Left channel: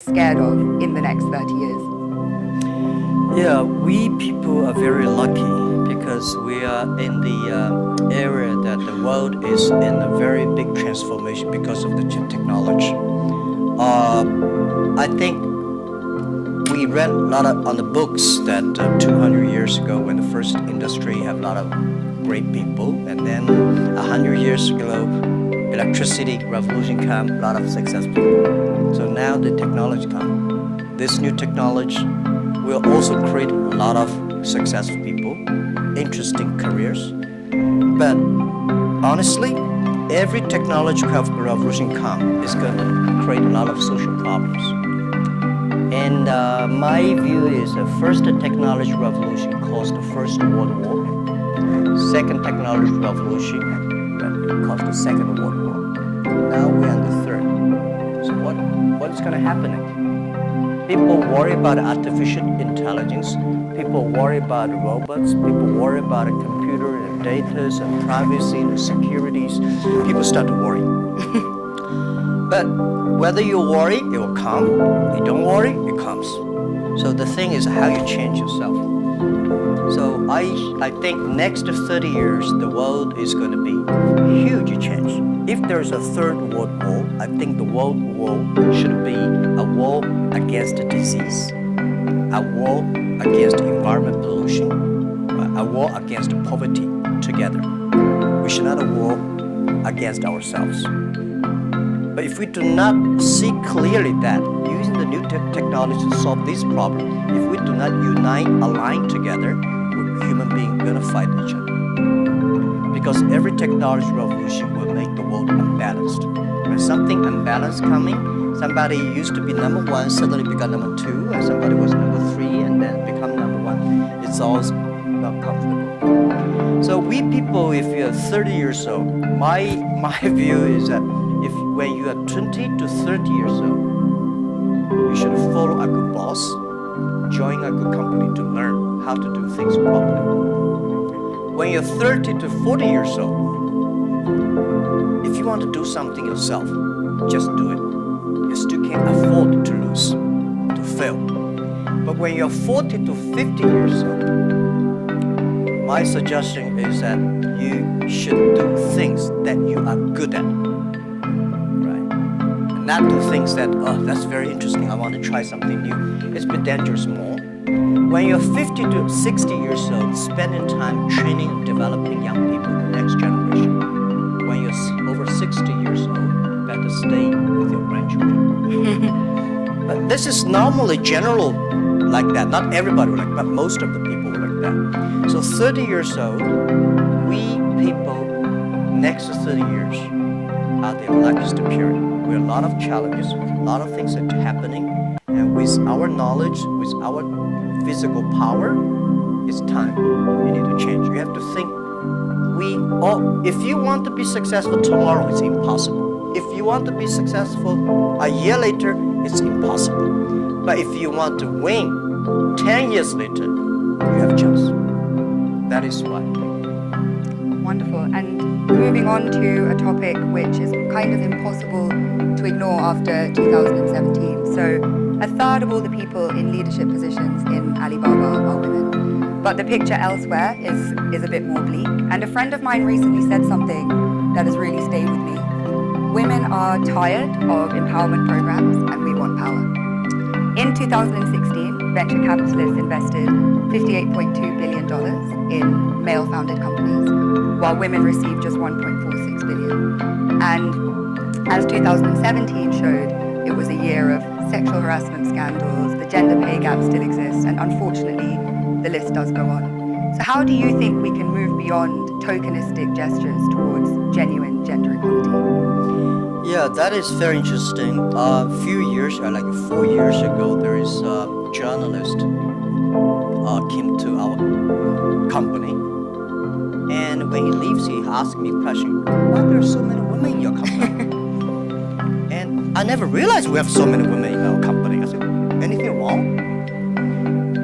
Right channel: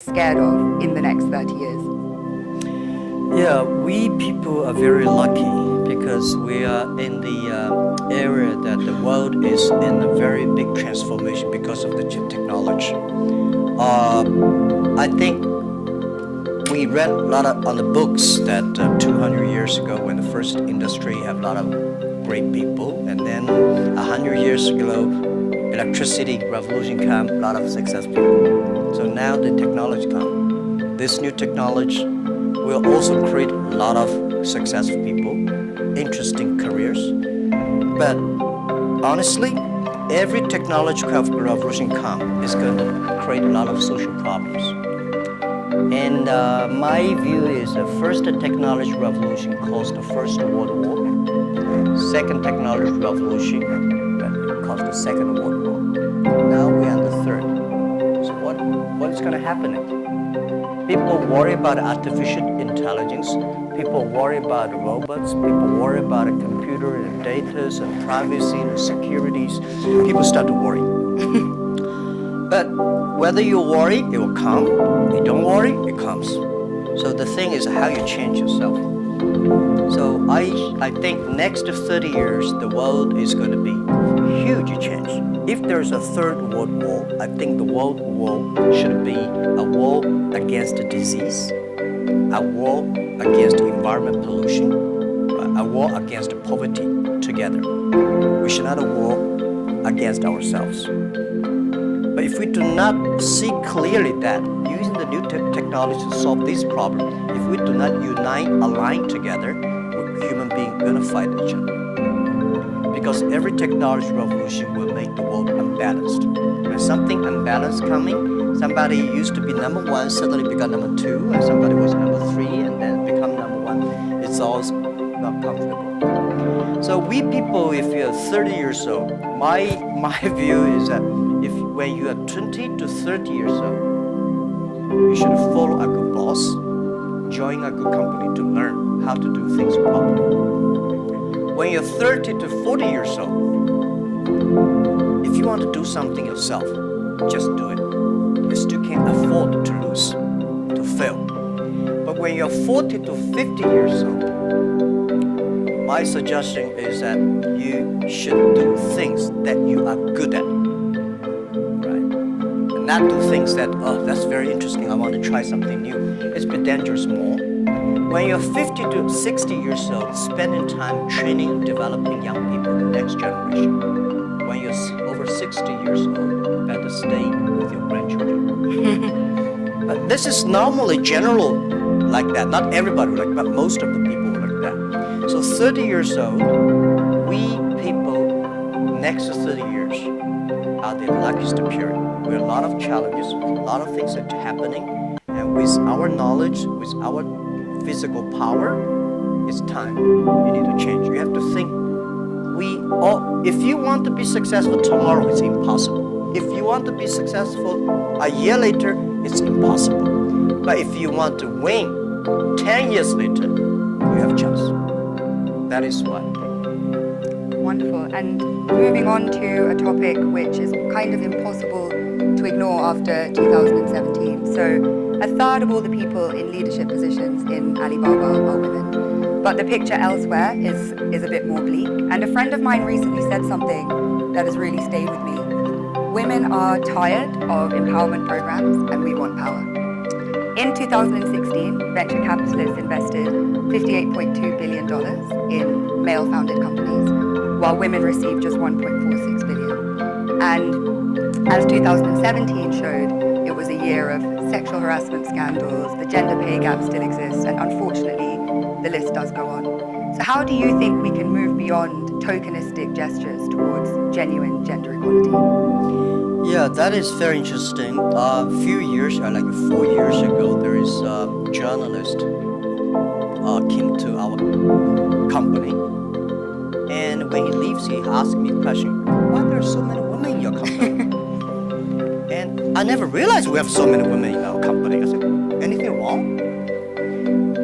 scared of in the next 30 years? Yeah, we people are very lucky because we are in the area that the world is in a very big transformation because of the technology. I think we read a lot on the books that 200 years ago when the first industry had a lot of great people, and then 100 years ago electricity revolution came, a lot of successful people. So now the technology comes. This new technology will also create a lot of successful people, interesting careers. But honestly, every technological revolution comes is going to create a lot of social problems. And my view is the first technology revolution caused the First World War. Second technology revolution caused the Second World War. Now we're on the third. So what is going to happen next? People worry about artificial intelligence. People worry about robots. People worry about a computer and data and privacy and securities. People start to worry. But whether you worry, it will come. You don't worry, it comes. So the thing is how you change yourself. So I think next 30 years, the world is going to be huge change. If there's a third world war, I think the world war should be a war against disease, a war against environment pollution, a war against poverty together. We should not a war against ourselves. But if we do not see clearly that using the new technology to solve this problem, if we do not unite, align together, human beings are going to fight each other. Because every technology revolution will make the world unbalanced. When something unbalanced coming, somebody used to be number one, suddenly become number two, and somebody was number three, and then become number one. It's all not comfortable. So we people, if you're 30 years old, my view is that if when you are 20 to 30 years old, you should follow a good boss, join a good company to learn how to do things properly. When you're 30 to 40 years old, if you want to do something yourself, just do it. You still can't afford to lose, to fail. But when you're 40 to 50 years old, my suggestion is that you should do things that you are good at, right? And not do things that, oh, that's very interesting, I want to try something new. It's a bit dangerous more. When you're 50 to 60 years old, spending time training and developing young people, the next generation. When you're over 60 years old, better stay with your grandchildren. But this is normally general like that. Not everybody like that, but most of the people like that. So 30 years old, we people, next 30 years, are the luckiest period. We have a lot of challenges, a lot of things are happening, and with our knowledge, with our physical power, it's time. You need to change. You have to think. If you want to be successful tomorrow, it's impossible. If you want to be successful a year later, it's impossible. But if you want to win 10 years later, you have a chance. That is why. Wonderful. And moving on to a topic which is kind of impossible to ignore after 2017. So a third of all the people in leadership positions in Alibaba are women. But the picture elsewhere is a bit more bleak. And a friend of mine recently said something that has really stayed with me. Women are tired of empowerment programs and we want power. In 2016, venture capitalists invested $58.2 billion in male-founded companies, while women received just $1.46 billion. And as 2017 showed, it was a year of sexual harassment scandals, the gender pay gap still exists, and unfortunately, the list does go on. So how do you think we can move beyond tokenistic gestures towards genuine gender equality? Yeah, that is very interesting. A few years, like 4 years ago, there is a journalist came to our company, and when he leaves, he asked me a question: why there are so many women in your company? And I never realized we have so many women in our company. I said, anything wrong?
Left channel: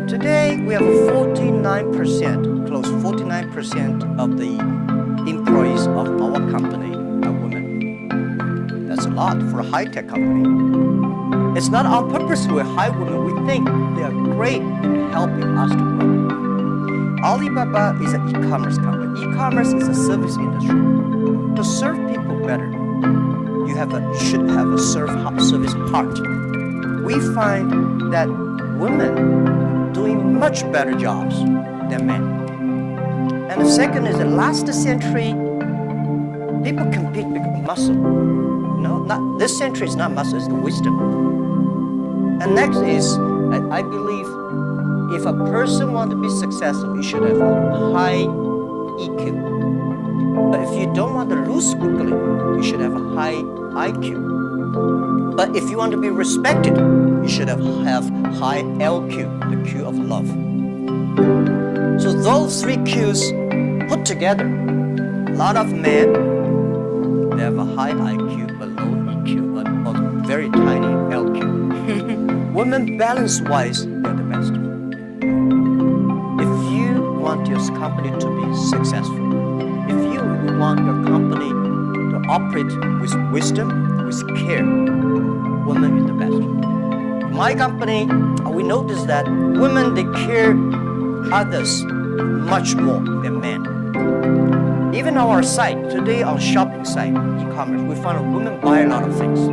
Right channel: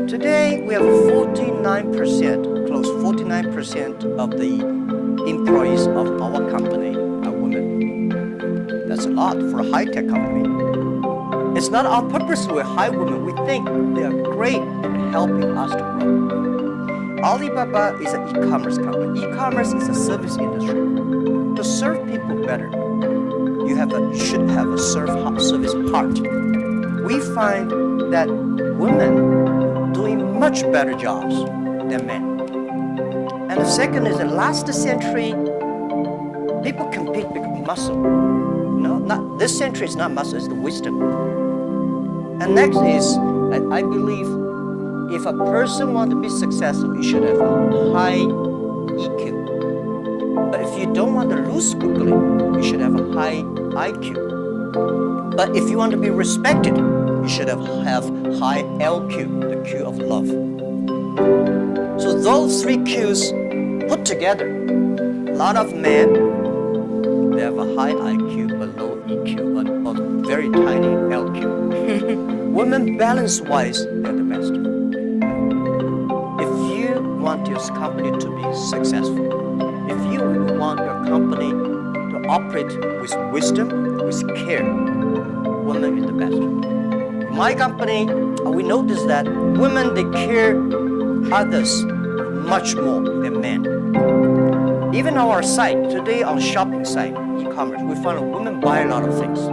Today, we have 49%, close 49% of the employees of our company are women. That's a lot for a high-tech company. It's not on purpose we hire women. We think they are great in helping us to grow. Alibaba is an e-commerce company. E-commerce is a service industry. To serve people better, you should have a service heart. We find that women doing much better jobs than men. And the second is the last century, people compete because muscle. No, not this century is not muscle, it's the wisdom. And next is, I believe, if a person wants to be successful, you should have a high EQ. But if you don't want to lose quickly, you should have a high IQ. But if you want to be respected, you should have high LQ, the Q of love. So those three Qs put together, a lot of men, they have a high IQ but low EQ or very tiny LQ. Women balance-wise, they're the best. If you want your company to be successful, if you want your company to operate with wisdom, with care, women is the best. In my company, we noticed that women, they care others much more than men. Even on our site, today on shopping site, e-commerce, we find women buy a lot of things.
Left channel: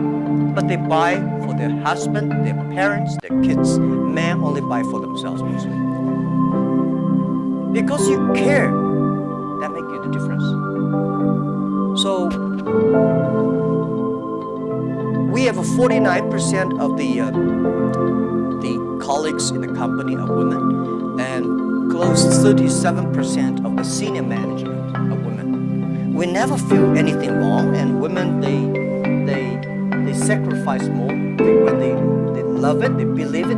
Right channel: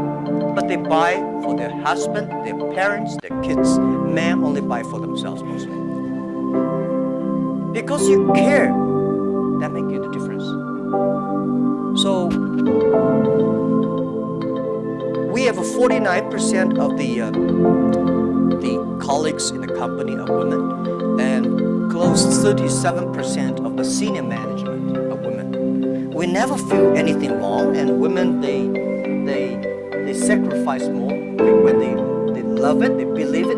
But they buy for their husband, their parents, their kids. Men only buy for themselves mostly. Because you care, that makes you the difference. So we have 49% of the colleagues in the company are women, and close 37% of the senior management are women. We never feel anything wrong, and women they sacrifice more. When they love it, they believe it,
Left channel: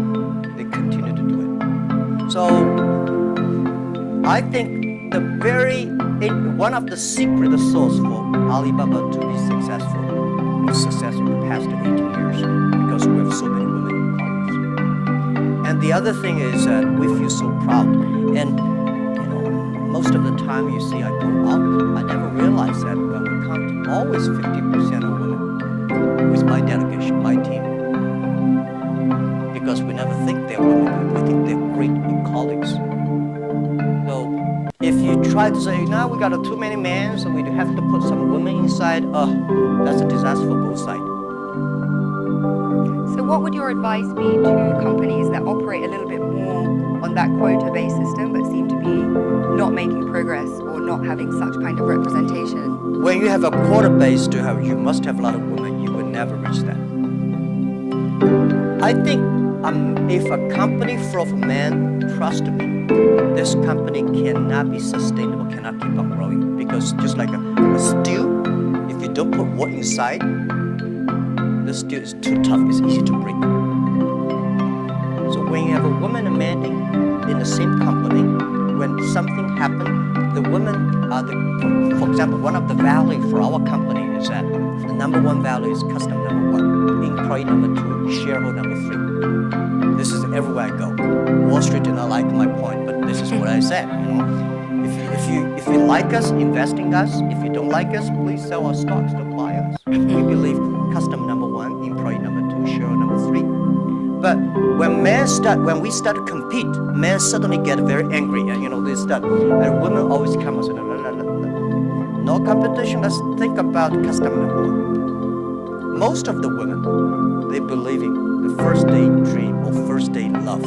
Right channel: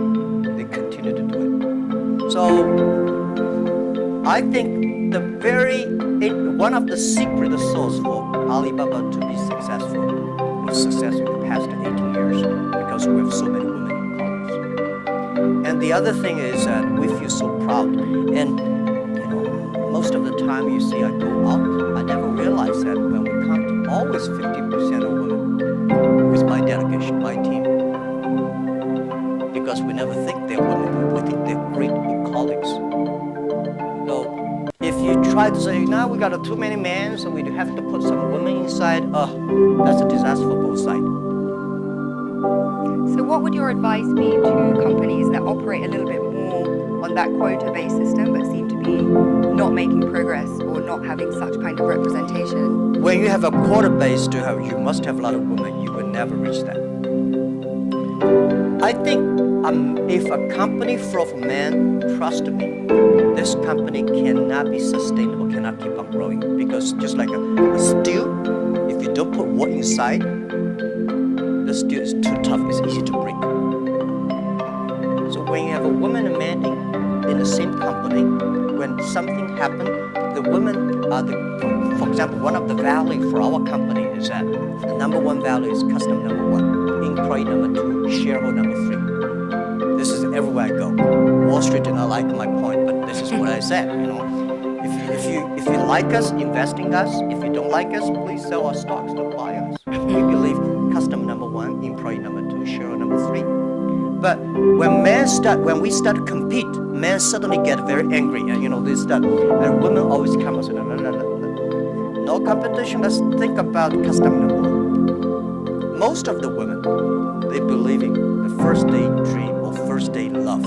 they continue to do it. So I think one of the secret sauce for Alibaba to be successful was success in the past 18 years because we have so many women in colleagues. And the other thing is that we feel so proud. And most of the time you see I go out, I never realize that when we come, always 50% of women with my delegation, my team. Because we never think they're women, we think they're great colleagues. So if you try to say, now we got too many men, so we have to put some women inside, that's a disaster for both sides. So what would your advice be to companies that operate a little bit more on that quota-based system but seem to be not making progress or not having such kind of representation? When you have a quota-based, you must have a lot of women. You will never reach that. I think if a company full of men, trust me, this company cannot be sustainable, cannot keep on growing. Because just like a stew, if you don't put wood inside, the stew is too tough, it's easy to break. So when you have a woman and man in the same company, when something happens, the women are for example, one of the values for our company is that the number one value is customer number one, employee number two, shareholder number three. This is everywhere I go. Wall Street did not like my point, but this is what I said, If you like us, invest in us. If you don't like us, please sell our stocks, don't buy us. We believe customer number one, employee number two, shareholder number three. But when we start to compete, men suddenly get very angry. They start, and women always come and say, no competition, let's think about customer number one. Most of the women, they believe in the first day dream or first day love.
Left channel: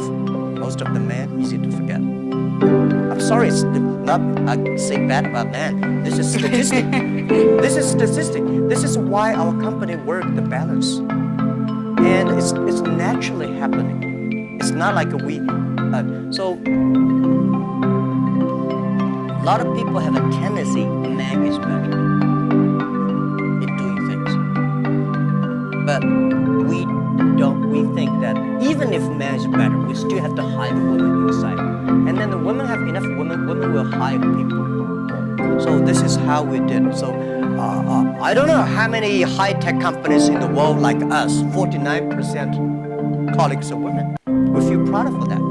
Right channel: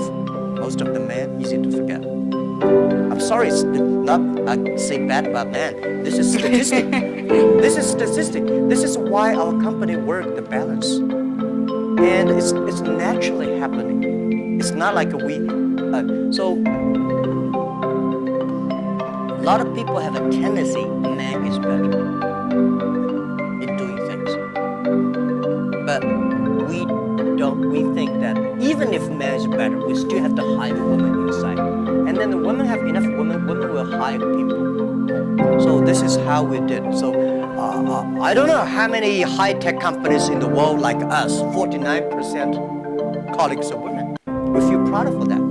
Most of the men, easy to forget. I'm sorry, it's not I say bad about men. This is statistic. This is statistic. This is why our company works the balance. And it's naturally happening. It's not like so a lot of people have a tendency, man is better in doing things. But we think that even if man is better, we still have to hire the woman inside. And then the women have enough women will hire people. So this is how we did. So I don't know how many high-tech companies in the world like us, 49% colleagues are women. We feel proud of that.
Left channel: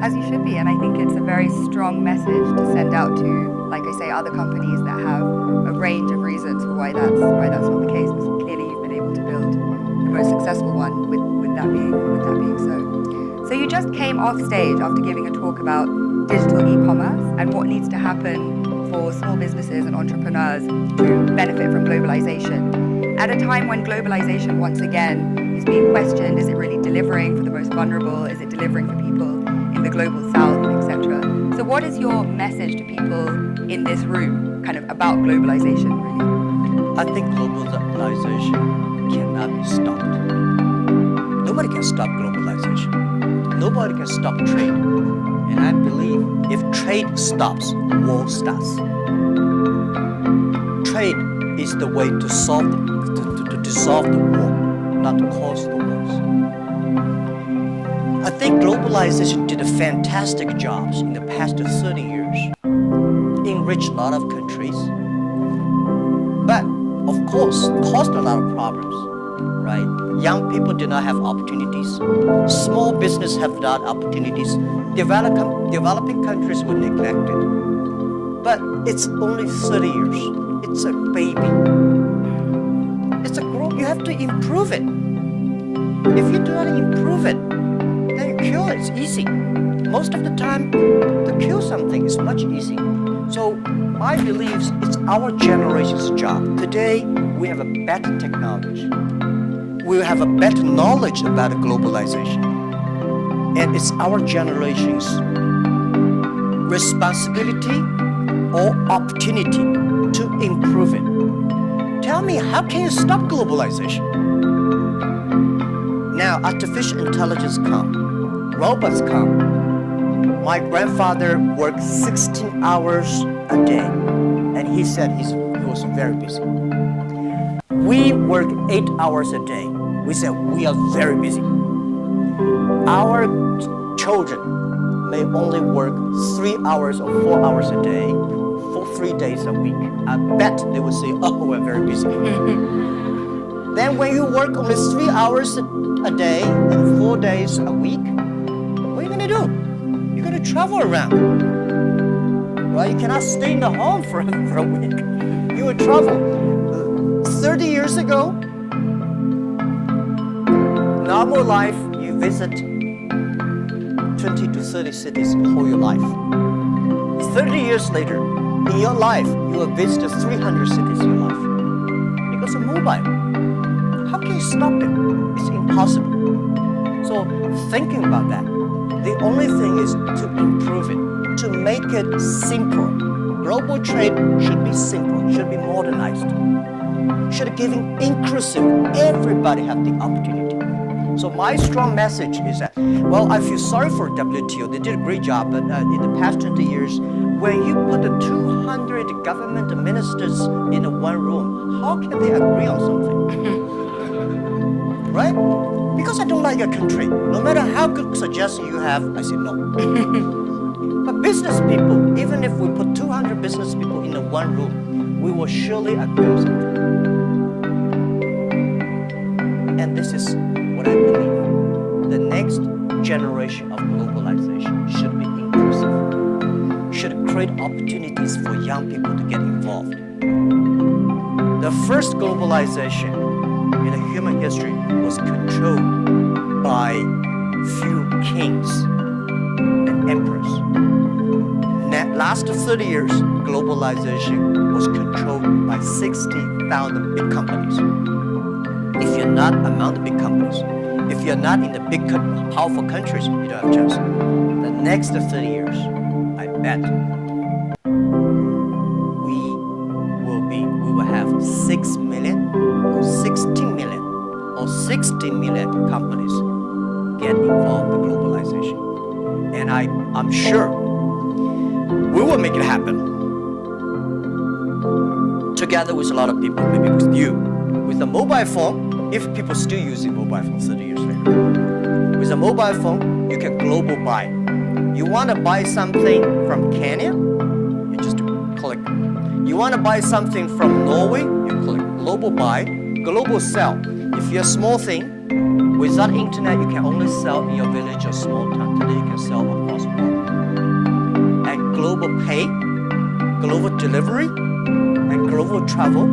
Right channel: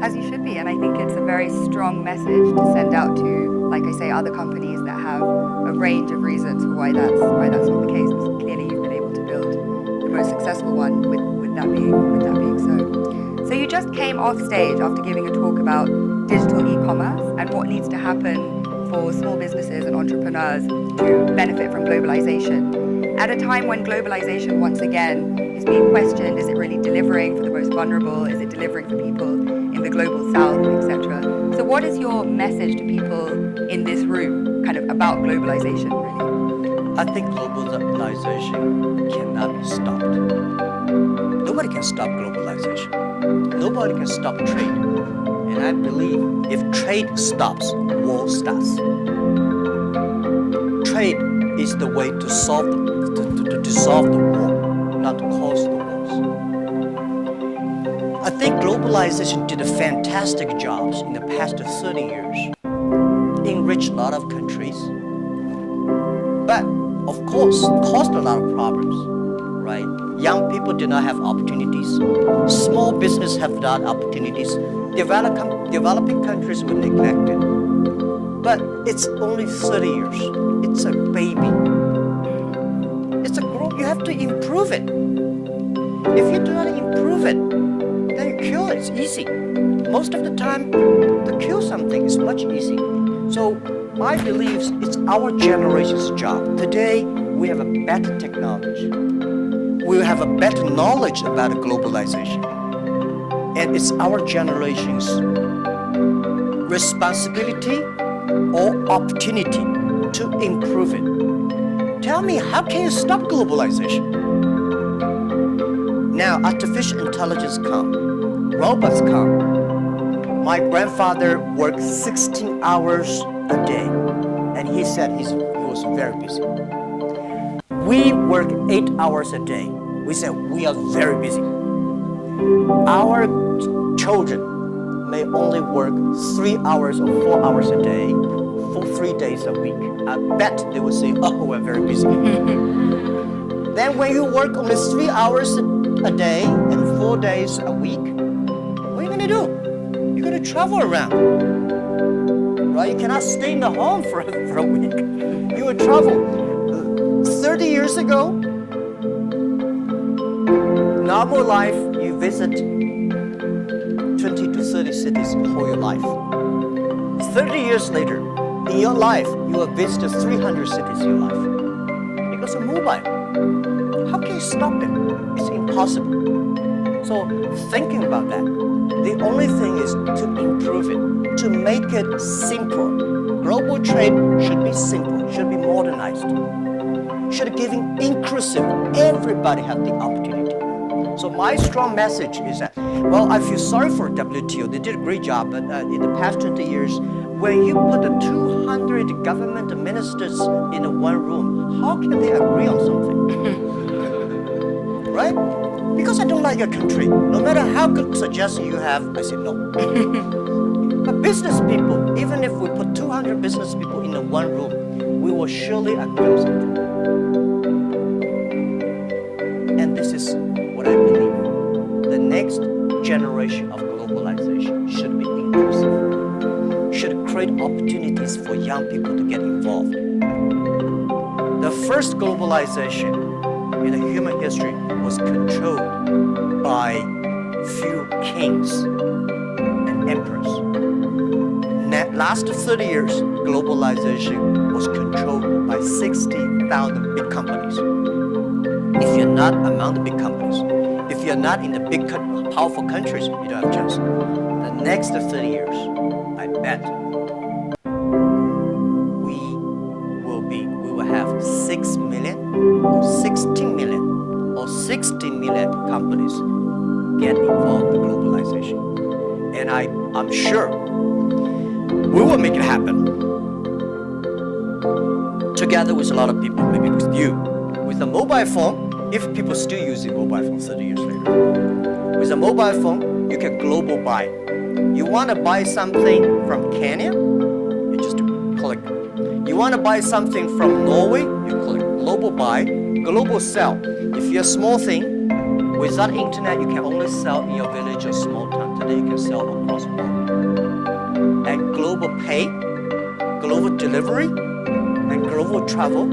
As you should be, and I think it's a very strong message to send out to, like I say, other companies that have a range of reasons for why that's not the case. But clearly you've been able to build the most successful one with that being so. So you just came off stage after giving a talk about digital e-commerce and what needs to happen for small businesses and entrepreneurs to benefit from globalization. At a time when globalization once again is being questioned, is it really delivering for the most vulnerable? Is it delivering for people in the global south, etc.? So what is your message to people in this room kind of about globalization, really? I think globalization cannot be stopped. Nobody can stop globalization. Nobody can stop trade. And I believe if trade stops, war starts. Trade is the way to solve to dissolve the war, not to cause the wars. I think globalization did a fantastic job in the past 30 years. Enriched a lot of countries, but of course caused a lot of problems, right? Young people did not have opportunities. Small business have not opportunities. Developing countries were neglected. But it's only 30 years. It's a baby. It's a growth. You have to improve it. If you do not improve it, then you kill it. It's easy. Most of the time, to kill something is much easier. So my beliefs, it's our generation's job. Today, we have a better technology. We have a better knowledge about globalization. And it's our generation's responsibility or opportunity to improve it. Tell me, how can you stop globalization? Now, artificial intelligence come, robots come. My grandfather worked 16 hours a day, and he said he was very busy. We work 8 hours a day. We said we are very busy. Our children may only work 3 hours or 4 hours a day for 3 days a week. I bet they would say, oh, we're very busy. Then when you work only 3 hours a day and 4 days a week, what are you going to do? You're going to travel around, right? You cannot stay in the home for a week. You will travel. 30 years ago, normal life, you visit 20 to 30 cities whole your life. 30 years later, in your life, you will visit 300 cities in your life. Because of mobile. How can you stop it? It's impossible. So thinking about that, the only thing is to improve it, to make it simple. Global trade should be simple, should be modernized, should giving inclusive, everybody have the opportunity. So my strong message is that, well, I feel sorry for WTO. They did a great job, but in the past 20 years, when you put the 200 government ministers in one room, how can they agree on something? Right? Because I don't like your country. No matter how good suggestion you have, I say no. But business people, even if we put 200 business people in one room, we will surely agree on something. And this is what I believe. The next generation of globalization should be inclusive, should create opportunities for young people to get involved. The first globalization in the human history was controlled by few kings and emperors. Last 30 years, globalization was controlled by 60,000 big companies. If you're not among the big companies, if you're not in the big, powerful countries, you don't have a chance. The next 30 years, I bet we will have 6 million or 16 million or 60 million companies get involved in globalization. And I'm sure we will make it happen. Together with a lot of people, maybe with you. With a mobile phone, if people still using mobile phone 30 years later. With a mobile phone, you can global buy. You want to buy something from Kenya, you just click. You want to buy something from Norway, you click global buy, global sell. If you're a small thing, without internet, you can only sell in your village or small town. Today, you can sell across the world. And global pay, global delivery, and global travel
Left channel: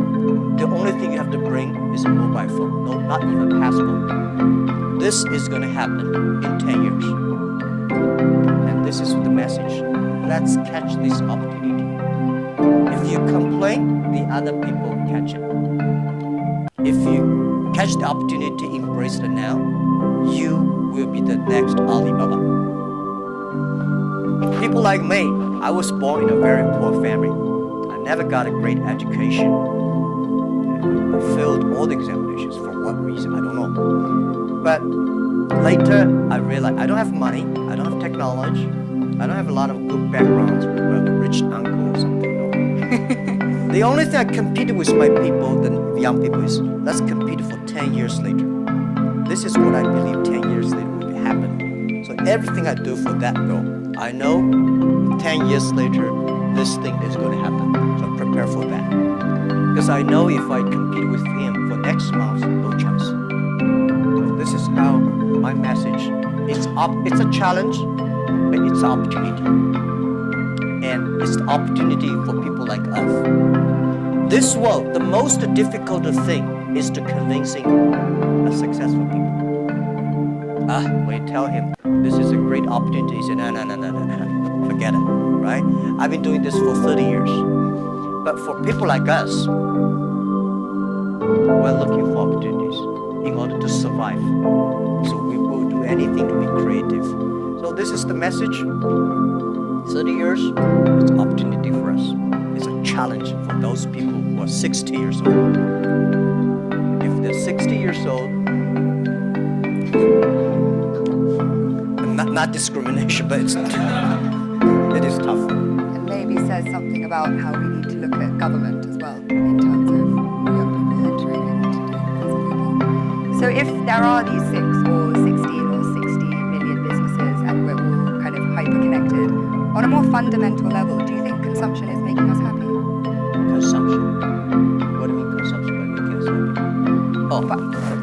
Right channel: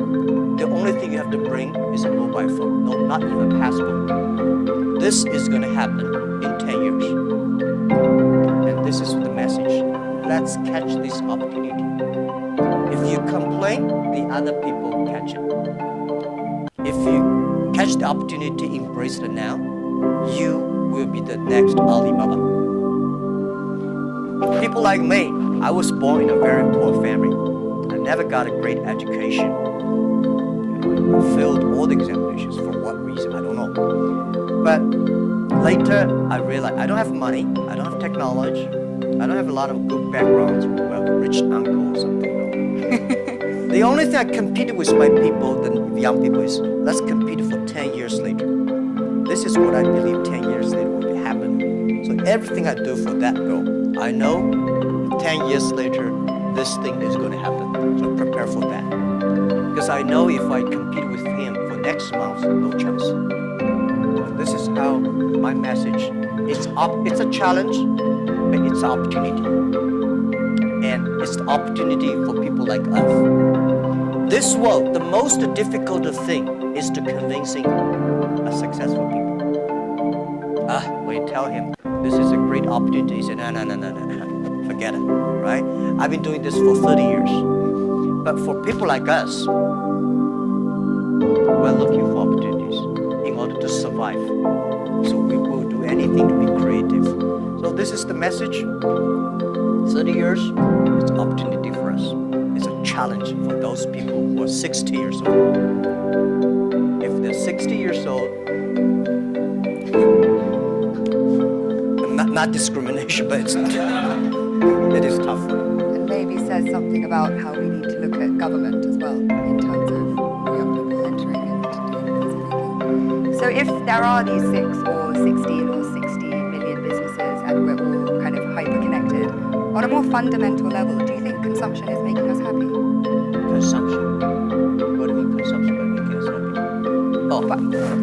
the only thing you have to bring is a mobile phone. No, not even passport. This is going to happen in 10 years. And this is the message. Let's catch this opportunity. If you complain, the other people catch it. If you catch the opportunity, embrace it now, you will be the next Alibaba. People like me, I was born in a very poor family. I never got a great education. I failed all the examinations. For what reason? I don't know. But later, I realized I don't have money. I don't have technology. I don't have a lot of good backgrounds. Well, a rich uncle or something. No. The only thing I competed with my people, the young people, is let's compete for 10 years later. This is what I believe 10 years later will be happening. So everything I do for that goal, I know 10 years later, this thing is going to happen. So prepare for that. Because I know if I compete with him for next month, no chance. So this is how my message, it's a challenge, but it's an opportunity. And it's the opportunity for people like us. This world, the most difficult thing is to convincing a successful people. When you tell him this is a great opportunity, he said, no, forget it, right? I've been doing this for 30 years. But for people like us, we're looking for opportunities in order to survive. So we will do anything to be creative. So this is the message. 30 years, it's an opportunity for us. It's a challenge for those people who are 60 years old. If they're 60 years old, not discrimination, but it is tough for them. And maybe says something about how we need to look at government as well in terms of young people entering and doing things. So if there are these 6 or 16 or 60 million businesses and we're all kind of hyper-connected, on a more fundamental level, do you think consumption is making us happy? Consumption? What do you mean consumption by making us happy? But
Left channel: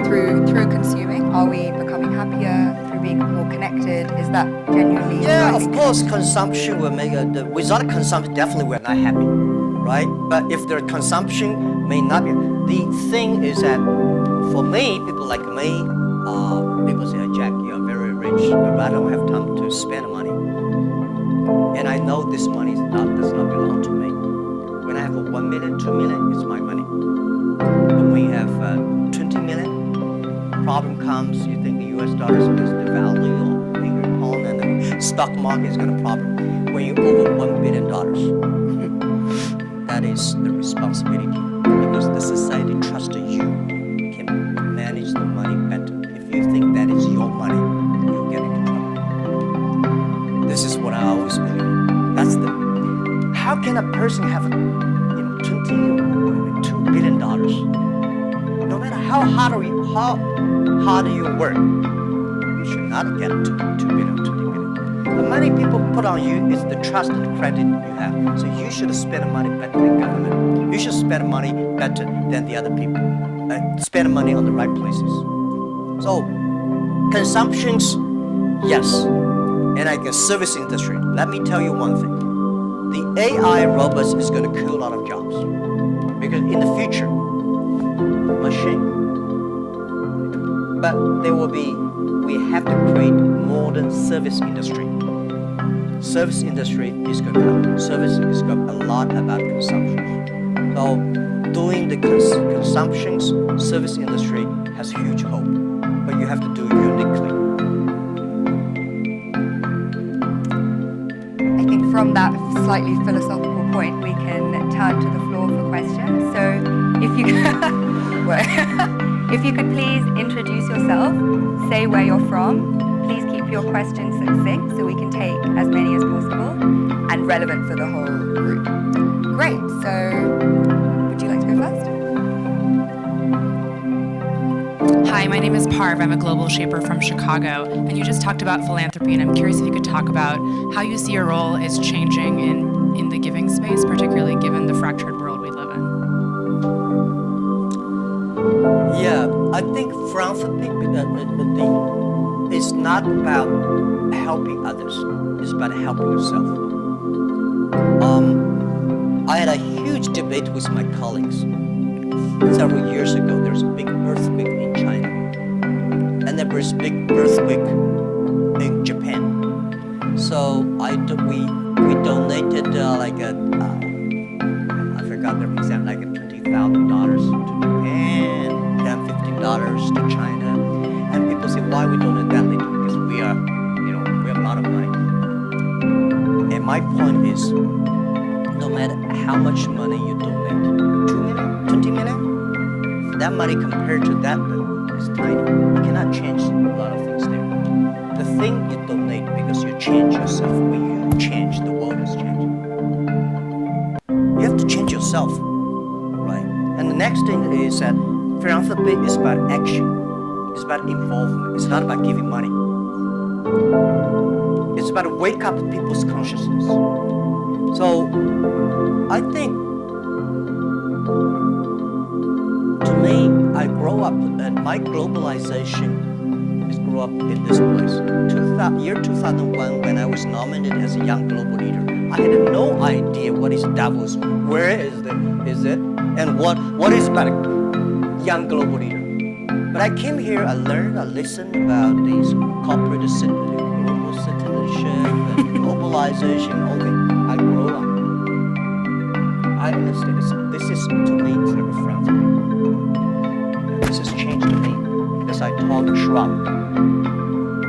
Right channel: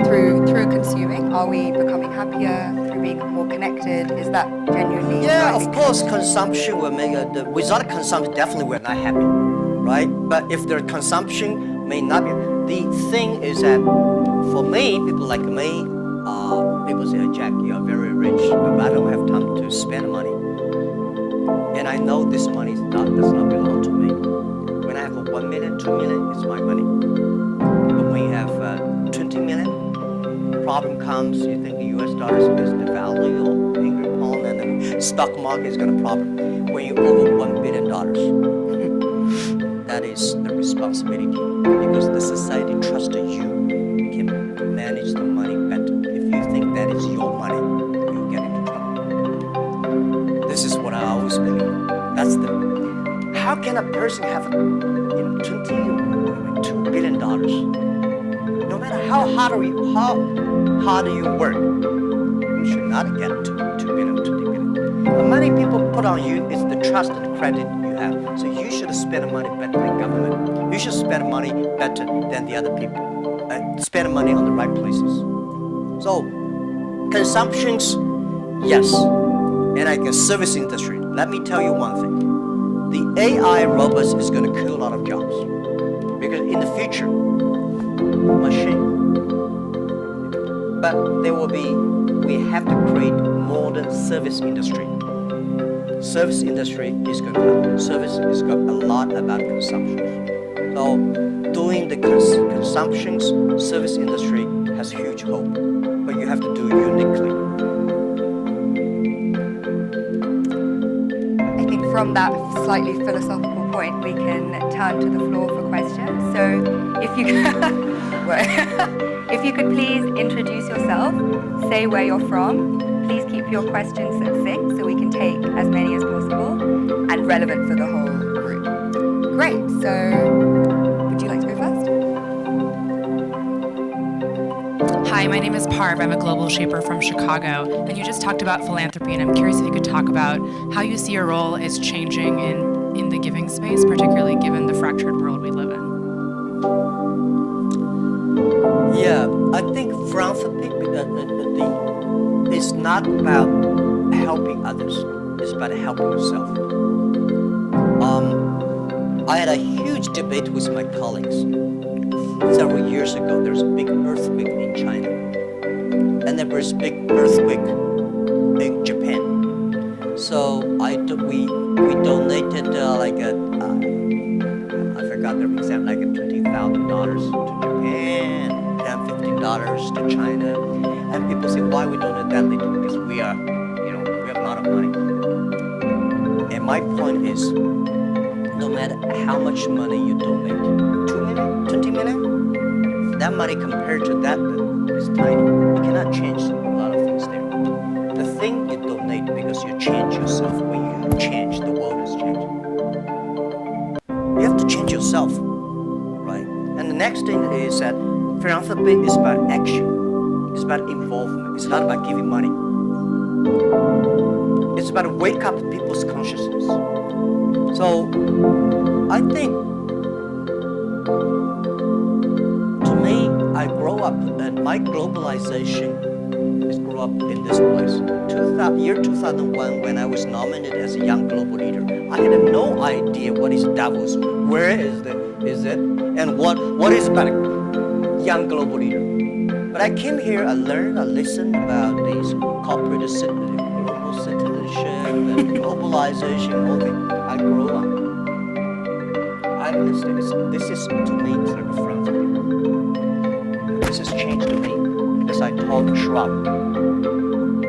through consuming, are we becoming happier? Through being more connected, is that genuinely? Yeah, of course, consumption will make without consumption, definitely we're not happy, right? But if their consumption may not be, the thing is that for me, people like me, people say, Jack, you are very rich, but I don't have time to spend money. And I know this money does not belong to me. When I have 1 million, 2 million, it's my money. But when you have 20 million, problem comes, you think the US dollar is going to devalue or English pound and the stock market is going to problem. When you're over $1 billion, that is the responsibility because the society trusts you can manage the money better. If you think that is your money, you'll get into trouble. This is what I always believe. That's how can a person have $20 or $2 billion? No matter how hard you work, you should not get $2 billion, $20 billion. The money people put on you is the trust and credit you have. So you should spend money better than government. You should spend money better than the other people. Spend money on the right places. So consumptions, yes. And like a service industry, let me tell you one thing. The AI robots is going to kill a lot of jobs. Because in the future, machine. But we have to create modern service industry. Service industry is going to happen. Service is got a lot about consumption. So doing the consumptions, service industry has huge hope. But you have to do it uniquely. I think from that slightly philosophical point, we can turn to the floor for questions. So if you if you could please introduce yourself, say where you're from, please keep your questions succinct so we can take as many as possible and relevant for the whole group. Great, so would you like to go first? Hi, my name is Parv. I'm a global shaper from Chicago, and you just talked about philanthropy, and I'm curious if you could talk about how you see your role as changing in the giving space, particularly given the fractured world we live in. Yeah, I think philanthropy is not about helping others. It's about helping yourself. I had a huge debate with my colleagues. several years ago, there's a big earthquake in China. And there was a big earthquake in Japan. So we donated I forgot the exact, like $20,000 to Japan, $10, $15 to China. And people say, why we donate that little? Because we have a lot of money. And my point is, no matter how much money you donate, 2 million, 20 million, that money compared to that is tiny. You cannot change a lot of things there. The thing you donate because you change yourself. When you change, the world is changing. You have to change yourself, right? And the next thing is that philanthropy is about action. It's about involvement. It's not about giving money. It's about to wake up people's consciousness. So I think, to me, I grow up, and my globalization is grew up in this place. Year 2001, when I was nominated as a young global leader, I had no idea what is Davos, where is it, and what is about a young global leader. But I came here, I learned, I listened about these corporate global citizenship and globalization, all that. I grew up. I understand this is, to me, it's like a philanthropy. This has changed to me. As I told Schwab,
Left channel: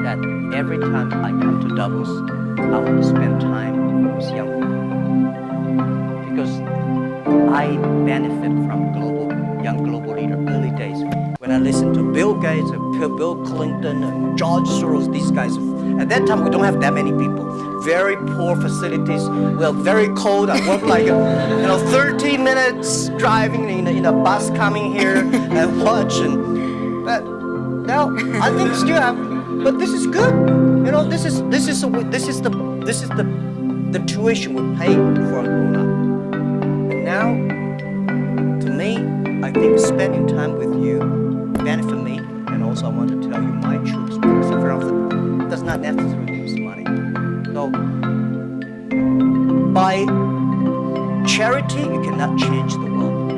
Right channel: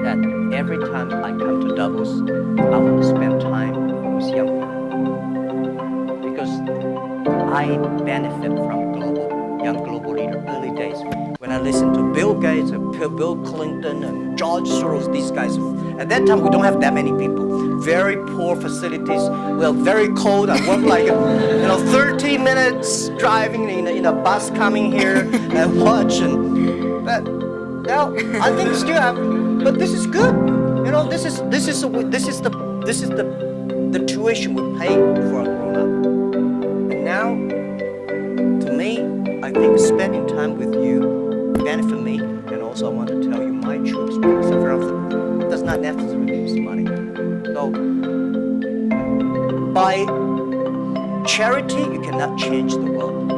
that every time I come to Davos, I want to spend time with young people. Because I benefit from young global leader early days. When I listen to Bill Gates, Bill Clinton, and George Soros, these guys, at that time we don't have that many people. Very poor facilities. Well, very cold. I work like 30 minutes driving in a bus coming here and watching. But now I think still have. But this is good. This is the tuition we pay for a grown up. And now, to me, I think spending time with you benefit me, and also I want to tell you my true experience of philanthropy does not necessarily mean money. So, by charity, you cannot change the world.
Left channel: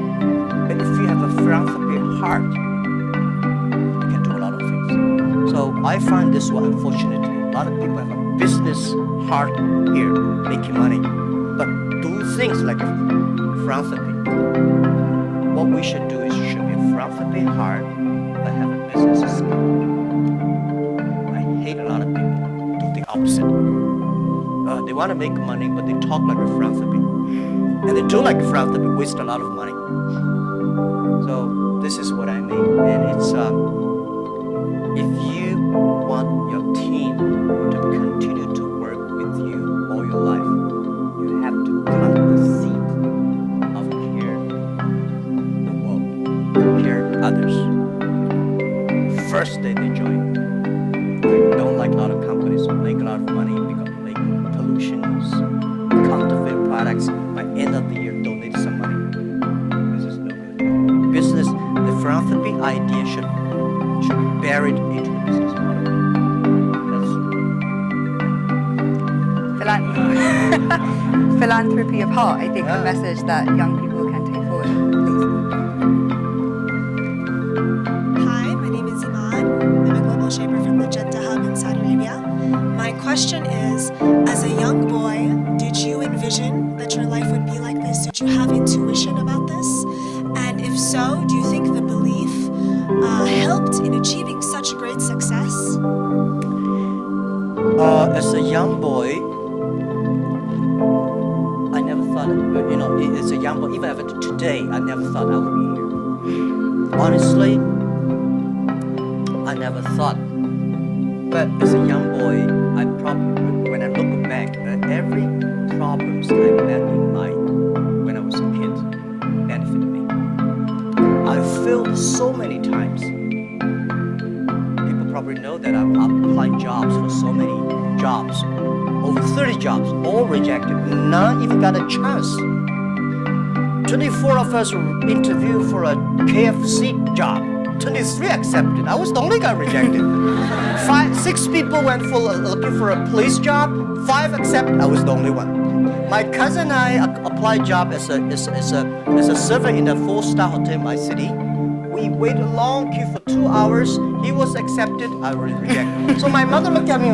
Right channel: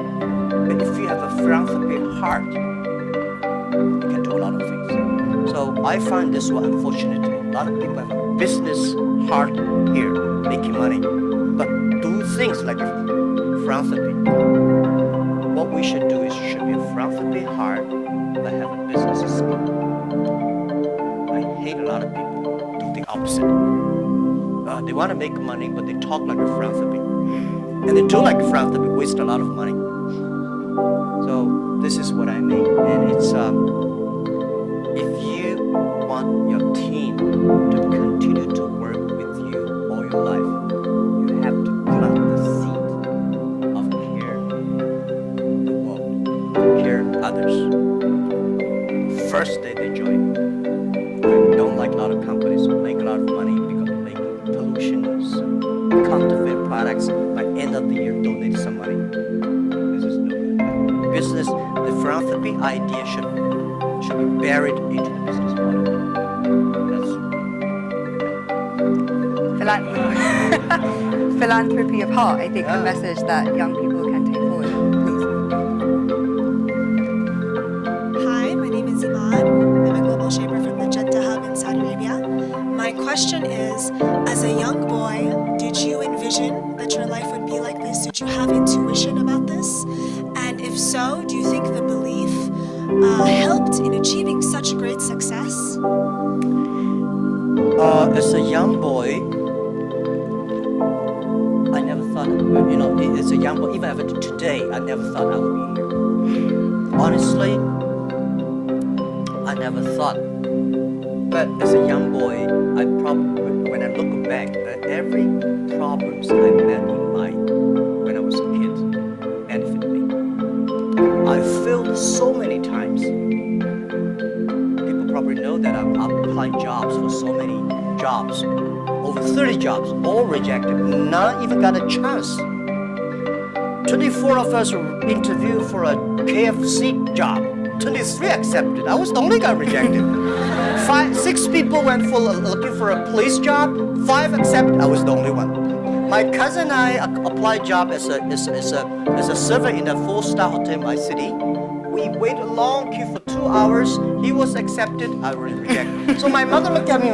But if you have a philanthropy heart, you can do a lot of things. So I find this one, unfortunately, a lot of people have a business heart here, making money, but do things like a philanthropy. What we should do is should be a philanthropy heart, but have a business skill. I hate a lot of people do the opposite. They want to make money, but they talk like a philanthropy. And they do like a philanthropy, waste a lot of money. So this is what I mean. And it's, if you want your team to continue to work with you all your life, you have to plant the seed of care the world, care others. First day they join. I don't like a lot of companies who make a lot of money because they make pollutions, counterfeit products. By end of the year, donate some money. This is no good. Business, the philanthropy idea should be buried into the business model. That's Philanthropy of heart, I think, a message that young people can take forward. Please. Hi, my name is Iman. I'm a global shaper from the Jeddah Hub in Saudi Arabia. My question is, as a young boy, did you envision that your life would be like this? Did you have intuition about this? And if so, do you think the belief helped in achieving such great success? As a young boy, I never thought, as a young boy, even today, I never thought I would be here. Honestly, I never thought. But as a young boy, when I look back, every problems I met when I was a kid benefited me. I failed so many times. People probably know that I've applied jobs for so many jobs, over 30 jobs, all rejected, not even got a chance. 24 of us were interviewed for a KFC job. 23 accepted. I was the only guy rejected. 6 people went for looking for a police job. 5 accepted. I was the only one. My cousin and I applied job as a server in a 4-star hotel in my city. We waited a long queue for 2 hours. He was accepted. I was rejected. So my mother looked at me,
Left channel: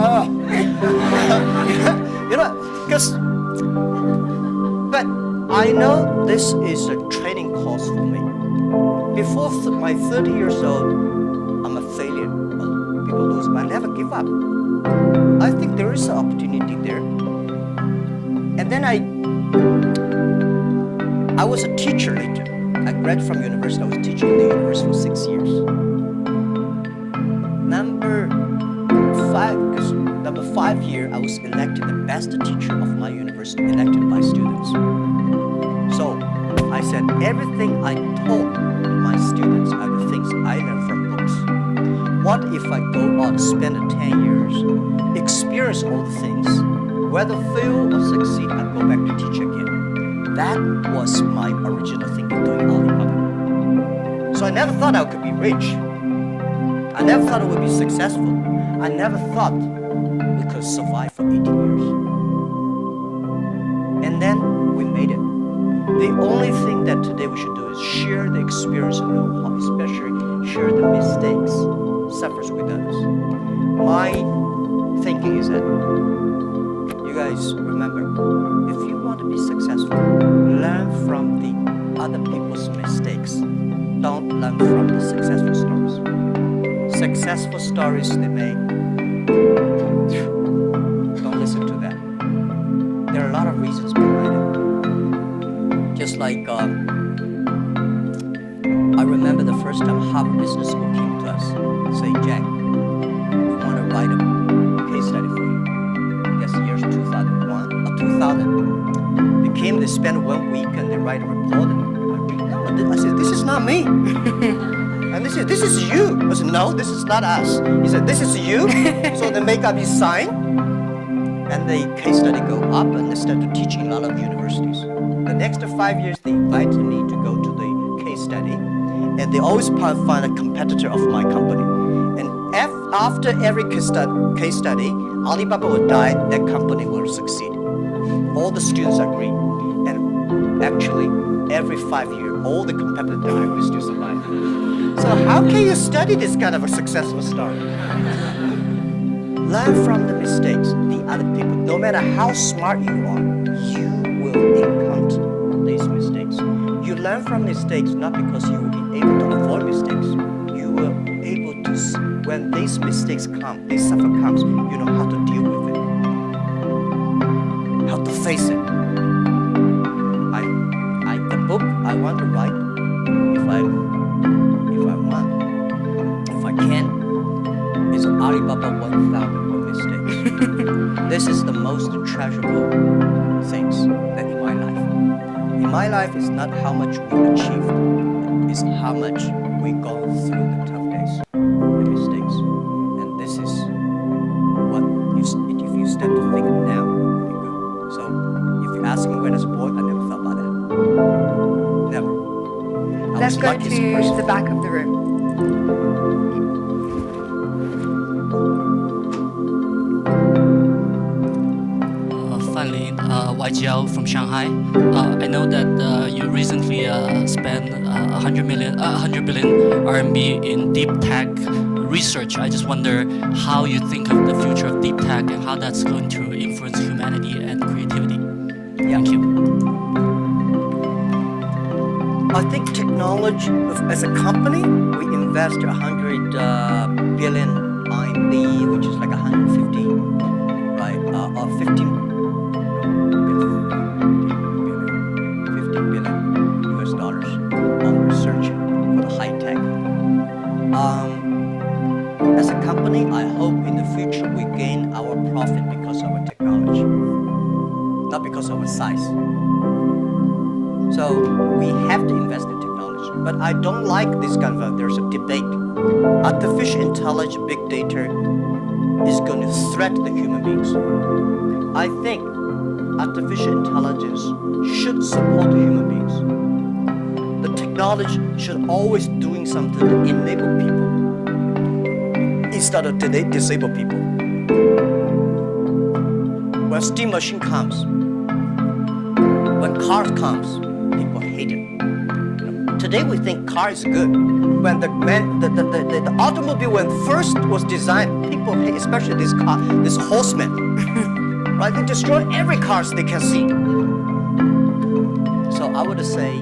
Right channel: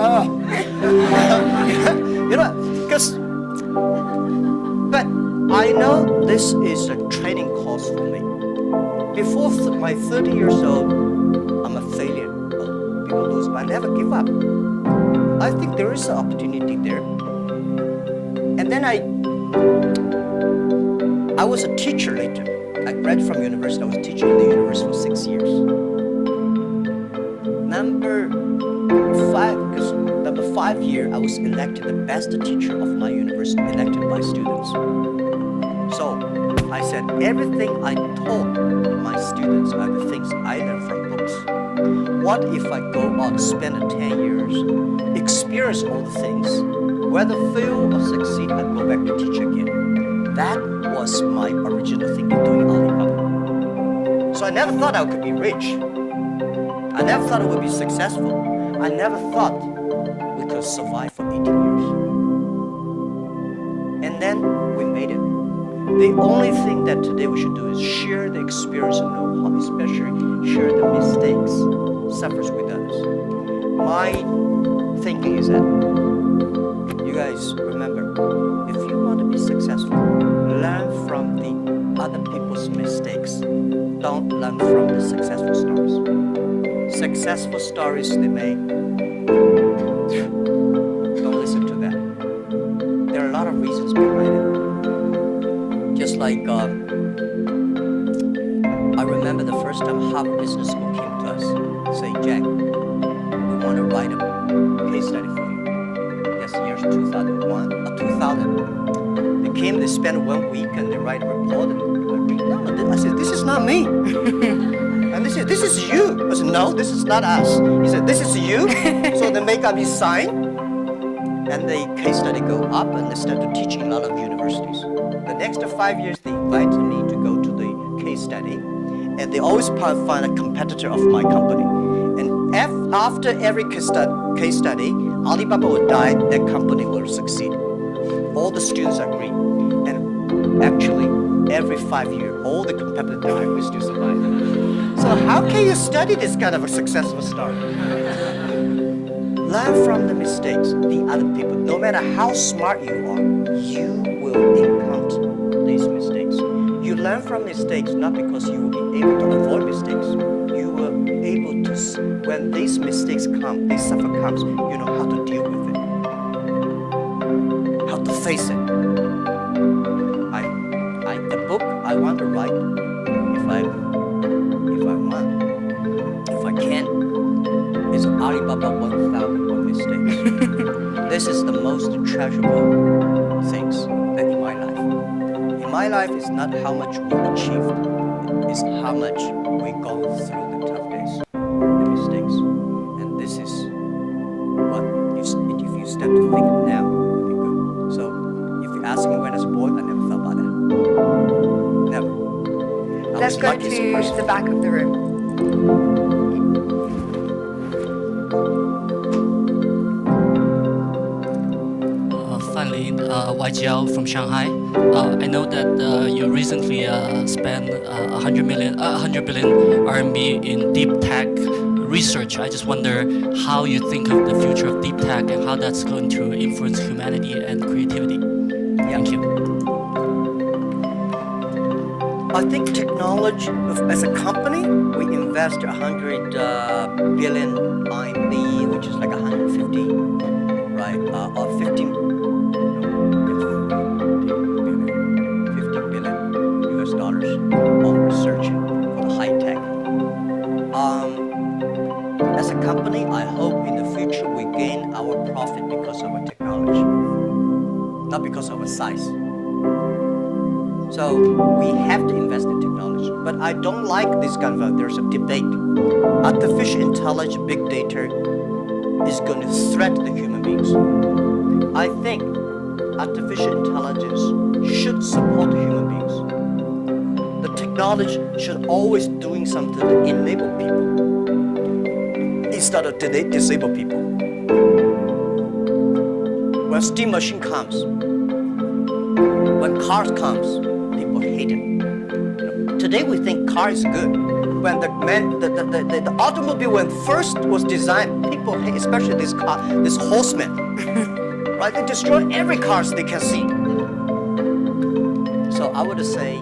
because. But I know this is a training course for me. Before my 30 years old, I'm a failure. People lose, but I never give up. I think there is an opportunity there. And then I was a teacher later. I graduated from university. I was teaching in the university for 6 years. Number 5 year, I was elected the best teacher of my university, elected by students. So I said everything I taught my students are the things I learned from books. What if I go out, spend 10 years, experience all the things, whether fail or succeed, I go back to teach again. That was my original thinking doing Alibaba. So I never thought I could be rich. I never thought I would be successful. I never thought we could survive for 18 years. And then we made it. The only thing that today we should do is share the experience and know-how, especially share the mistakes, suffers with others. My thinking is that you guys remember, if you want to be successful, learn from the other people's mistakes. Don't learn from the successful stories. Successful stories they make, don't listen to that. There are a lot of reasons behind it. Just like I remember the first time Harvard Business School came to us, say, Jack, we want to write a case study for you. That's years 2001 or 2000. They came, they spent 1 week and they write a report and I read, no, I said, this is not me. And this is you. I said, no, this is not us. He said, this is you. So they make up his sign and the case study go up and they started teaching a lot of universities. The next 5 years, they invited me to go to the case study, and they always find a competitor of my company. And after every case study, Alibaba will die, that company will succeed. All the students agree. And actually, every 5 years, all the competitors die, we still survive. So how can you study this kind of a successful story? Learn from the mistakes, the other people. No matter how smart you are, you will encounter these mistakes. You learn from mistakes not because you will be able to avoid mistakes. You will be able to, when these mistakes come, this suffer comes, you know how to deal with it, how to face it. The book I want to write, if I want, if I can, is Alibaba 1001 Mistakes. This is the most treasurable things that in my life. In my life, it's not how much we achieved, it's how much we go through the tough days, the mistakes. And this is what, if you start to think now, it'll be good. So if you ask me when I was born, I never thought about that. Never. Let's go to the back of the room. Finally, YGL from Shanghai. I know that you recently spent 100 billion RMB in deep tech research. I just wonder how you think of the future of deep tech and how that's going to influence humanity and creativity. Yeah. Thank you. I think technology, as a company, we invest 100 billion RMB, which is like 150, right? Or 15 billion US dollars on research for the high tech. As a company, I hope in the future we gain our profit because of our technology, not because of our size. So we have to invest in technology. But I don't like this kind of, there's a debate. Artificial intelligence, big data is going to threaten the human beings. I think artificial intelligence should support the human beings. The technology should always doing something to enable people instead of disable people. When steam machine comes, When cars comes, people hate it. Today we think car is good. When the automobile when first was designed, people hate, especially this car, this horseman. Right? They destroy every car they can see. So I would say,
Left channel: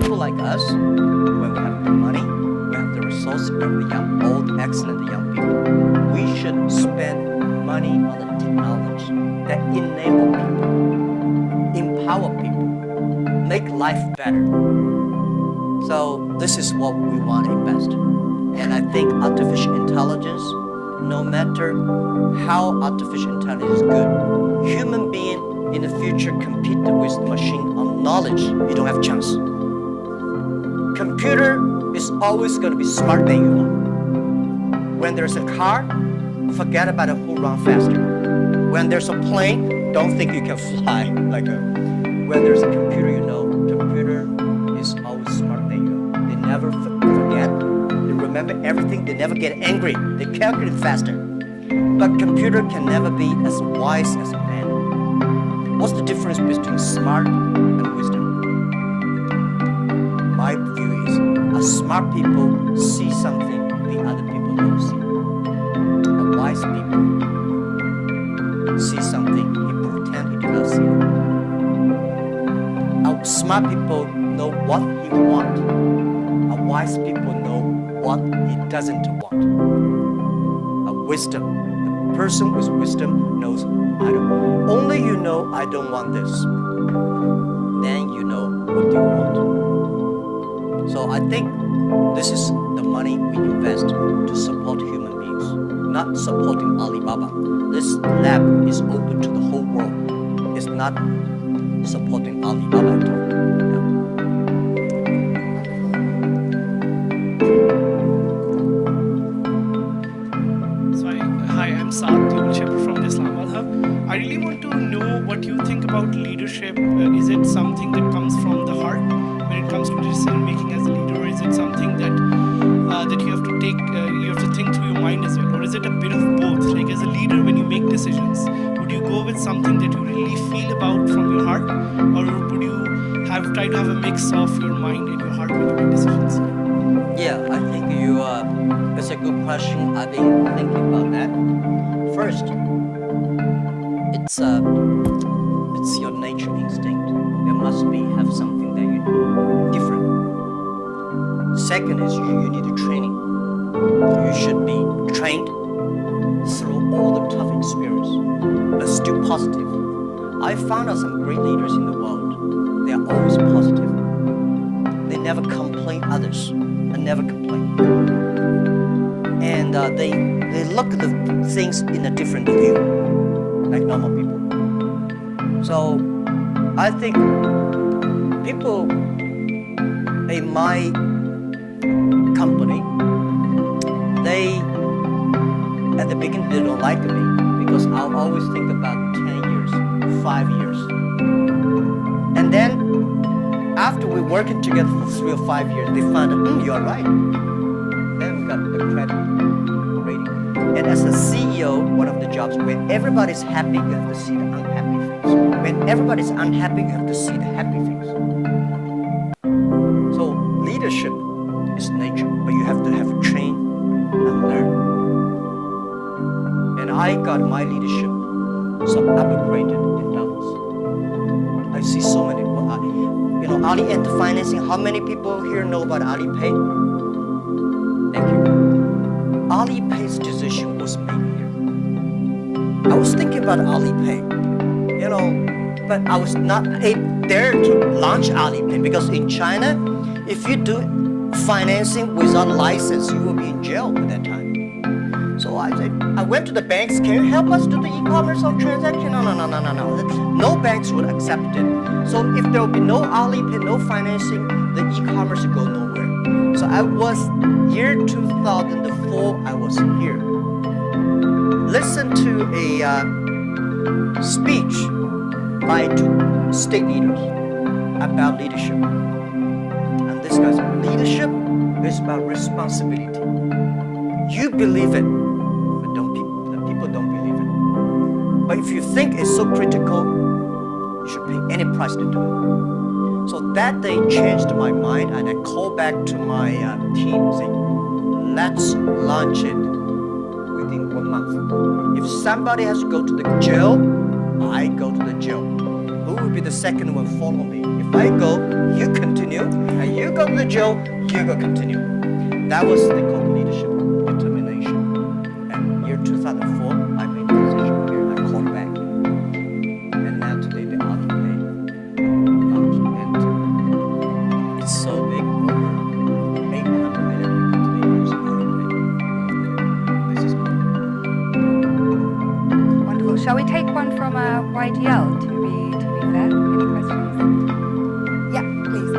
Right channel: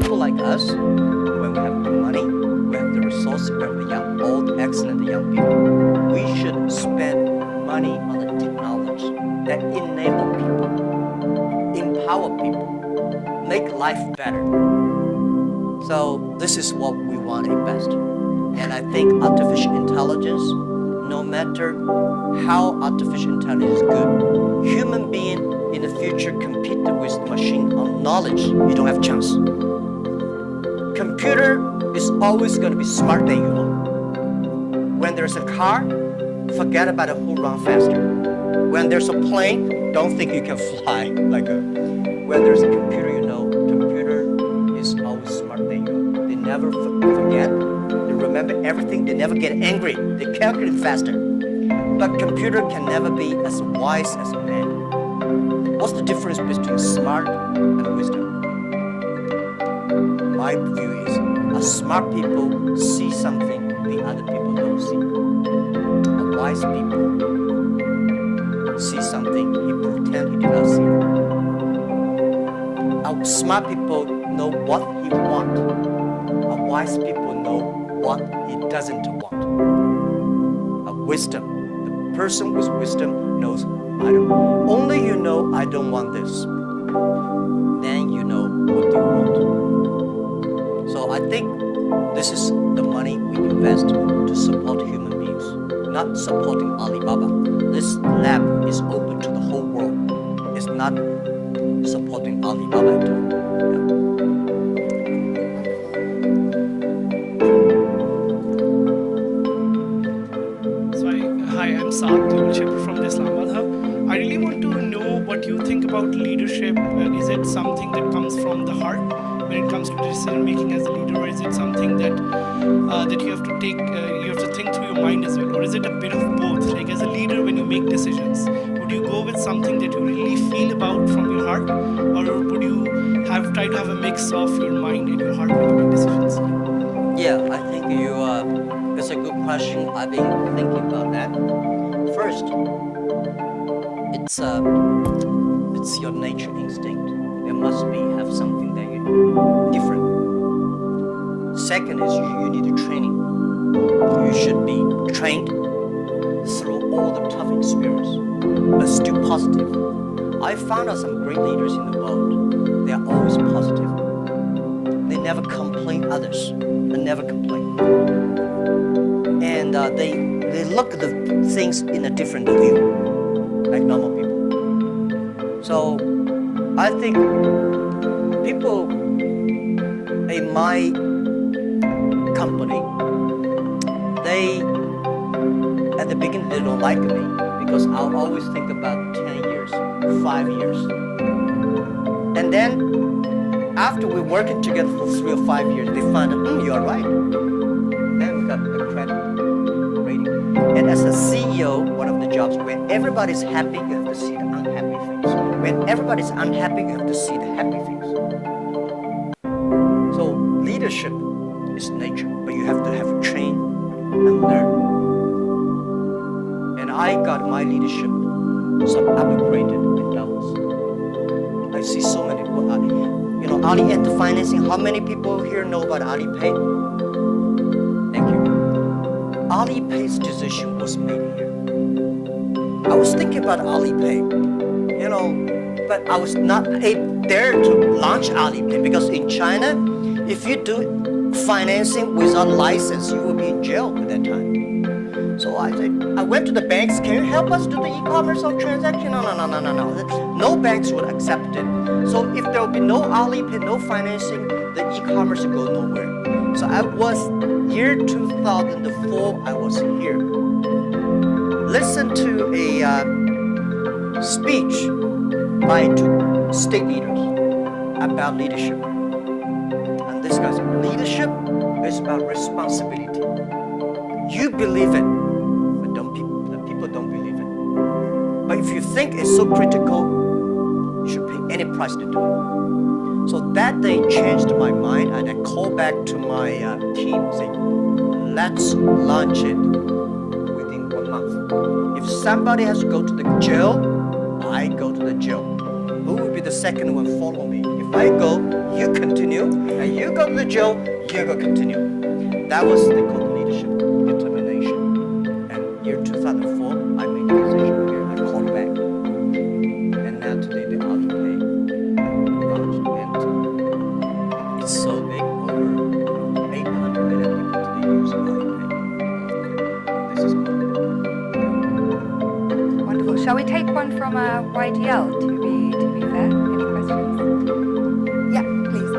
people like us, when we have the money, we have the resources, we have the young, old, excellent young people, we should spend money on the technology that enable people, empower people, make life better. So this is what we want to invest. And I think artificial intelligence, no matter how artificial intelligence is good, human being in the future compete with machine on knowledge, you don't have a chance. Computer is always going to be smarter than you are. When there's a car, forget about who runs faster. When there's a plane, don't think you can fly like a. When there's a computer, you know, computer is always smarter than you are. They never forget. They remember everything. They never get angry. They calculate faster. But computer can never be as wise as man. What's the difference between smart and wisdom? My view is, smart people see something the other people don't see. Wise people see something he pretend he did not see. Smart people know what he wants. Wise people know what he doesn't want. Wisdom. The person with wisdom knows, only you know I don't want this. Then you know what you want. So I think this is the money we invest to support human beings, not supporting Alibaba. This lab is open to the whole world. It's not supporting Alibaba at all. Hi, I'm Saad, Global Shaper from the Islamabad Hub. I really want to know what you think about leadership. Is it something that comes from the heart when it comes to decision making as a leader, or is it something that that you have to take, you have to think through your mind as well, or is it a bit of both? Like as a leader, when you make decisions, would you go with something that you really feel about from your heart, or would you try to have a mix of your mind and your heart when you make decisions? Yeah, I think it's a good question. I've been thinking about that. First, it's your nature instinct. There must have something that you different. Second is you need a training. You should be trained through all the tough experience, but still positive. I found out some great leaders in the world. They are always positive. They never complain others. They never complain. And they look at the things in a different view, like normal people. So I think people in my company, they at the beginning they don't like me because I'll always think about 10 years, 5 years. And then after we're working together for 3 or 5 years, they find out, you're right. Then we got the credit rating. And as a CEO, one of the jobs where everybody's happy, you have to see the unhappy things. When everybody's unhappy, you have to see the happy things. So leadership is nature, but you have to have train and learn. And I got my leadership upgraded in Davos. I see so many. Ali Enter Financing. How many people here know about Alipay? Thank you. Alipay's decision was made here. I was thinking about Alipay, but I was not there to launch Alipay because in China, if you do financing without license, you will be in jail at that time. So I went to the banks. Can you help us do the e-commerce or transaction? No. No banks would accept it. So if there will be no Alipay, no financing, the e-commerce will go nowhere. So I was, year 2004, I was here. Listen to a speech by 2 state leaders about leadership. And this guy's leadership is about responsibility. You believe it, but the people don't believe it. But if you think it's so critical, You should pay any price to do it. So that day changed my mind, and I called back to my team saying, let's launch it within 1 month. If somebody has to go to the jail, I go to the jail. Who will be the second one follow me? If I go, you continue, and you go to the jail, you go continue. That was the called leadership determination. And year 2004, I made the decision here, and I called back. And now today, the Alipay launched, and it's so big, over 800 million people today use Alipay. This is good. Wonderful. Shall we take one from YGL to be fair? Any questions? Yeah, please.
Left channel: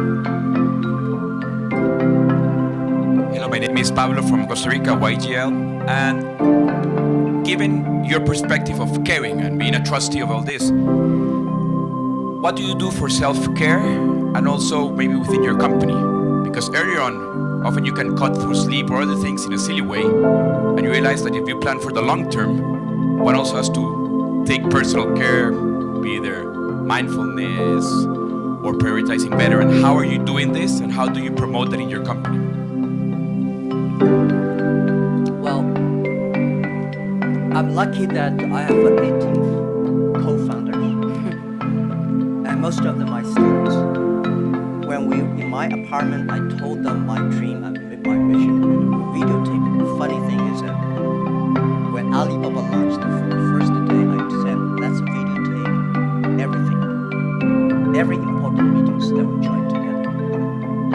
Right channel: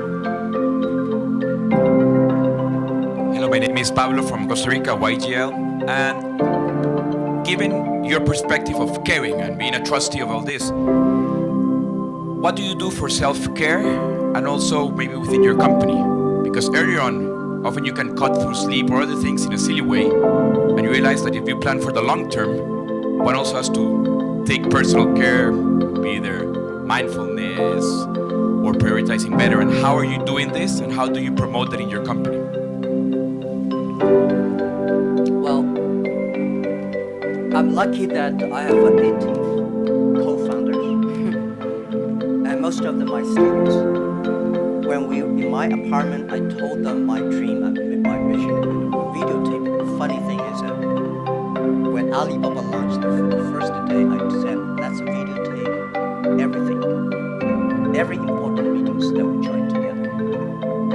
Hello, my name is Pablo from Costa Rica, YGL. And given your perspective of caring and being a trustee of all this, what do you do for self-care and also maybe within your company? Because earlier on, often you can cut through sleep or other things in a silly way, and you realize that if you plan for the long term, one also has to take personal care, be either mindfulness or prioritizing better. And how are you doing this, and how do you promote that in your company? Well, I'm lucky that I have 18 co-founders, and most of them are students. When we in my apartment, I told them my dream and my vision and videotape. The funny thing is that when Alibaba launched the first day, I said, let's videotape everything, every important meetings that we join together.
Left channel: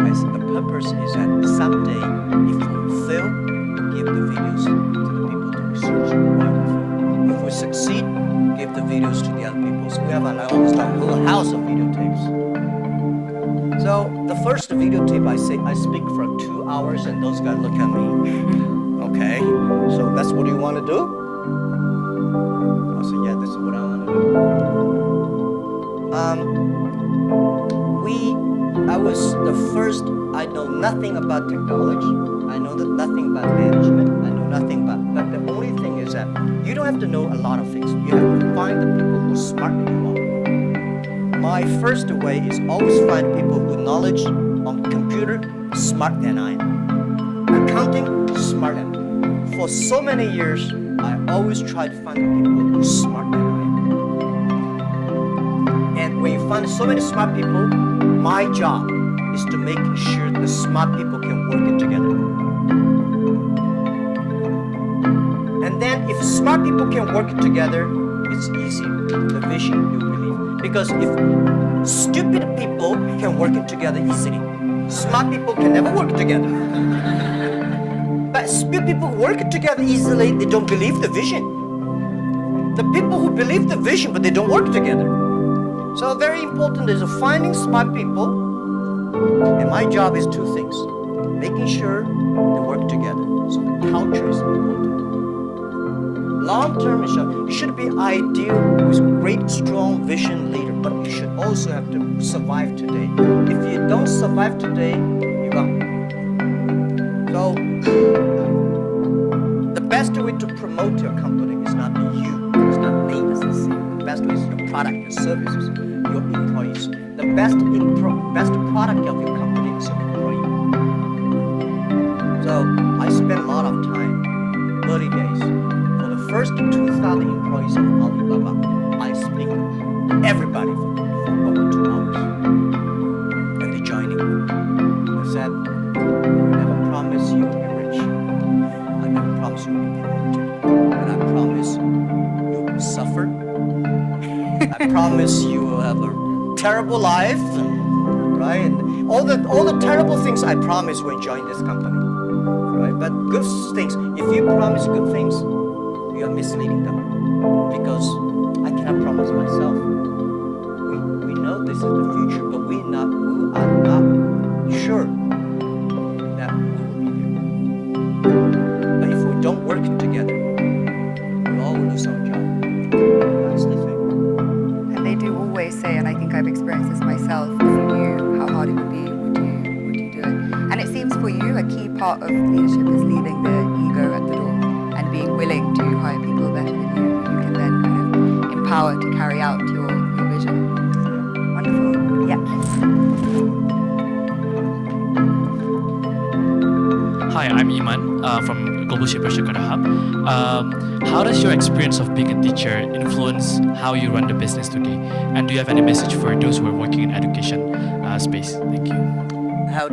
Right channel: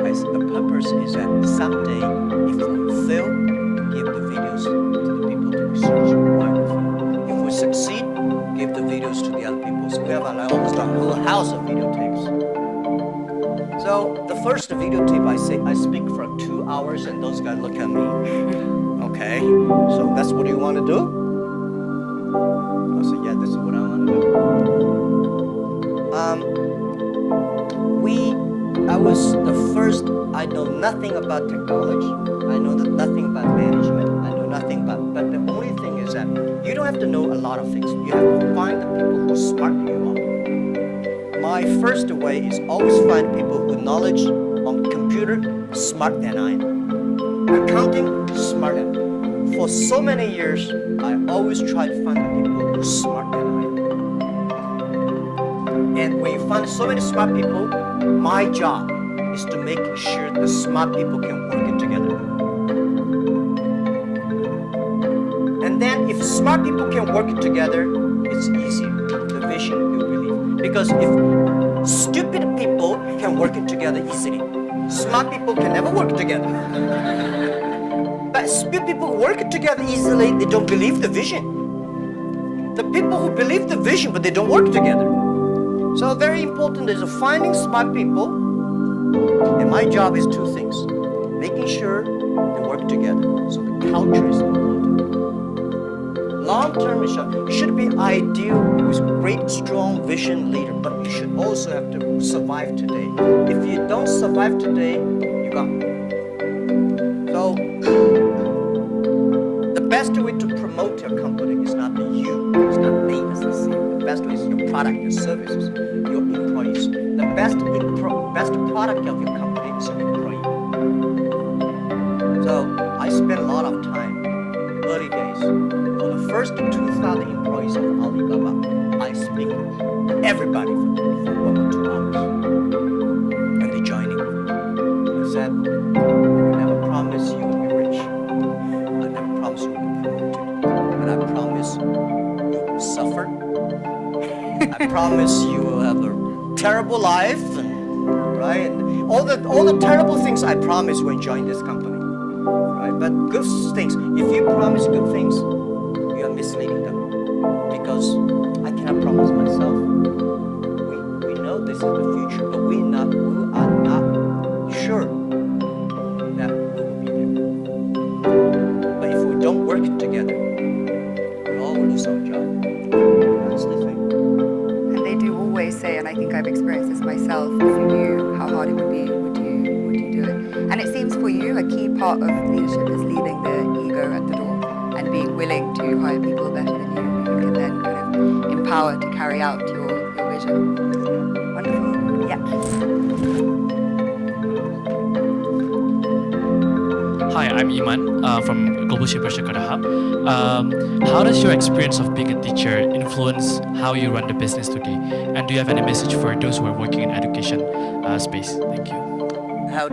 I said, the purpose is that someday, if we fail, we give the videos to the people to research why we fail. If we succeed, give the videos to the other people. So we have almost a whole house of videotapes. So the first videotape, I speak for 2 hours, and those guys look at me. Okay, so that's what you want to do? I said, yeah, this is what I want to do. I was the first. I know nothing about technology. I know nothing about management. I know nothing about. But the only thing is that you don't have to know a lot of things. You have to find the people who are smarter than you are. My first way is always find people who knowledge on computer smart than I am. Accounting smart than I am. For so many years, I always try to find the people who are smart than I am. And when you find so many smart people, my job is to make sure the smart people can work it together. And then if smart people can work it together, it's easy. The vision you believe. Because if stupid people can work it together easily, smart people can never work together. But stupid people work it together easily, they don't believe the vision. The people who believe the vision, but they don't work together. So very important is finding smart people, and my job is 2 things. Making sure they work together, so the culture is important. Long-term, you should be ideal with great, strong vision leader, but you should also have to survive today. If you don't survive today, you're gone. So, the best way to promote your company is not you, it's not me as the CEO. The best way is your product, your services, your employees. The best product of your company is your employee. So I spent a lot of time, early days. For the first 2,000 employees of Alibaba, I speak to everybody for 1 or 2 hours. And they joining. I said, we never promise you will be rich. I never promise you will be promoted. But I promise you will suffer. I promise you will have a terrible life, right? And all the terrible things I promise when join this company, right? But good things, if you promise good things, you are misleading them, because I cannot promise myself. We know this is the future, but we are not sure that we will be there. But if we don't work together, we all will lose our job. That's the thing. And they do always say, and I think I've experienced this myself, if you knew how hard it would be, would you do it? And it seems for you, a key part of leadership is leaving the ego at the door and being willing to hire people better than you, who you can then kind of empower to carry out your vision. Yeah. Hi, I'm Iman from Global Shaper Jakarta Hub. How does your experience of being a teacher influence how you run the business today? And do you have any message for those who are working in education space? Thank you. How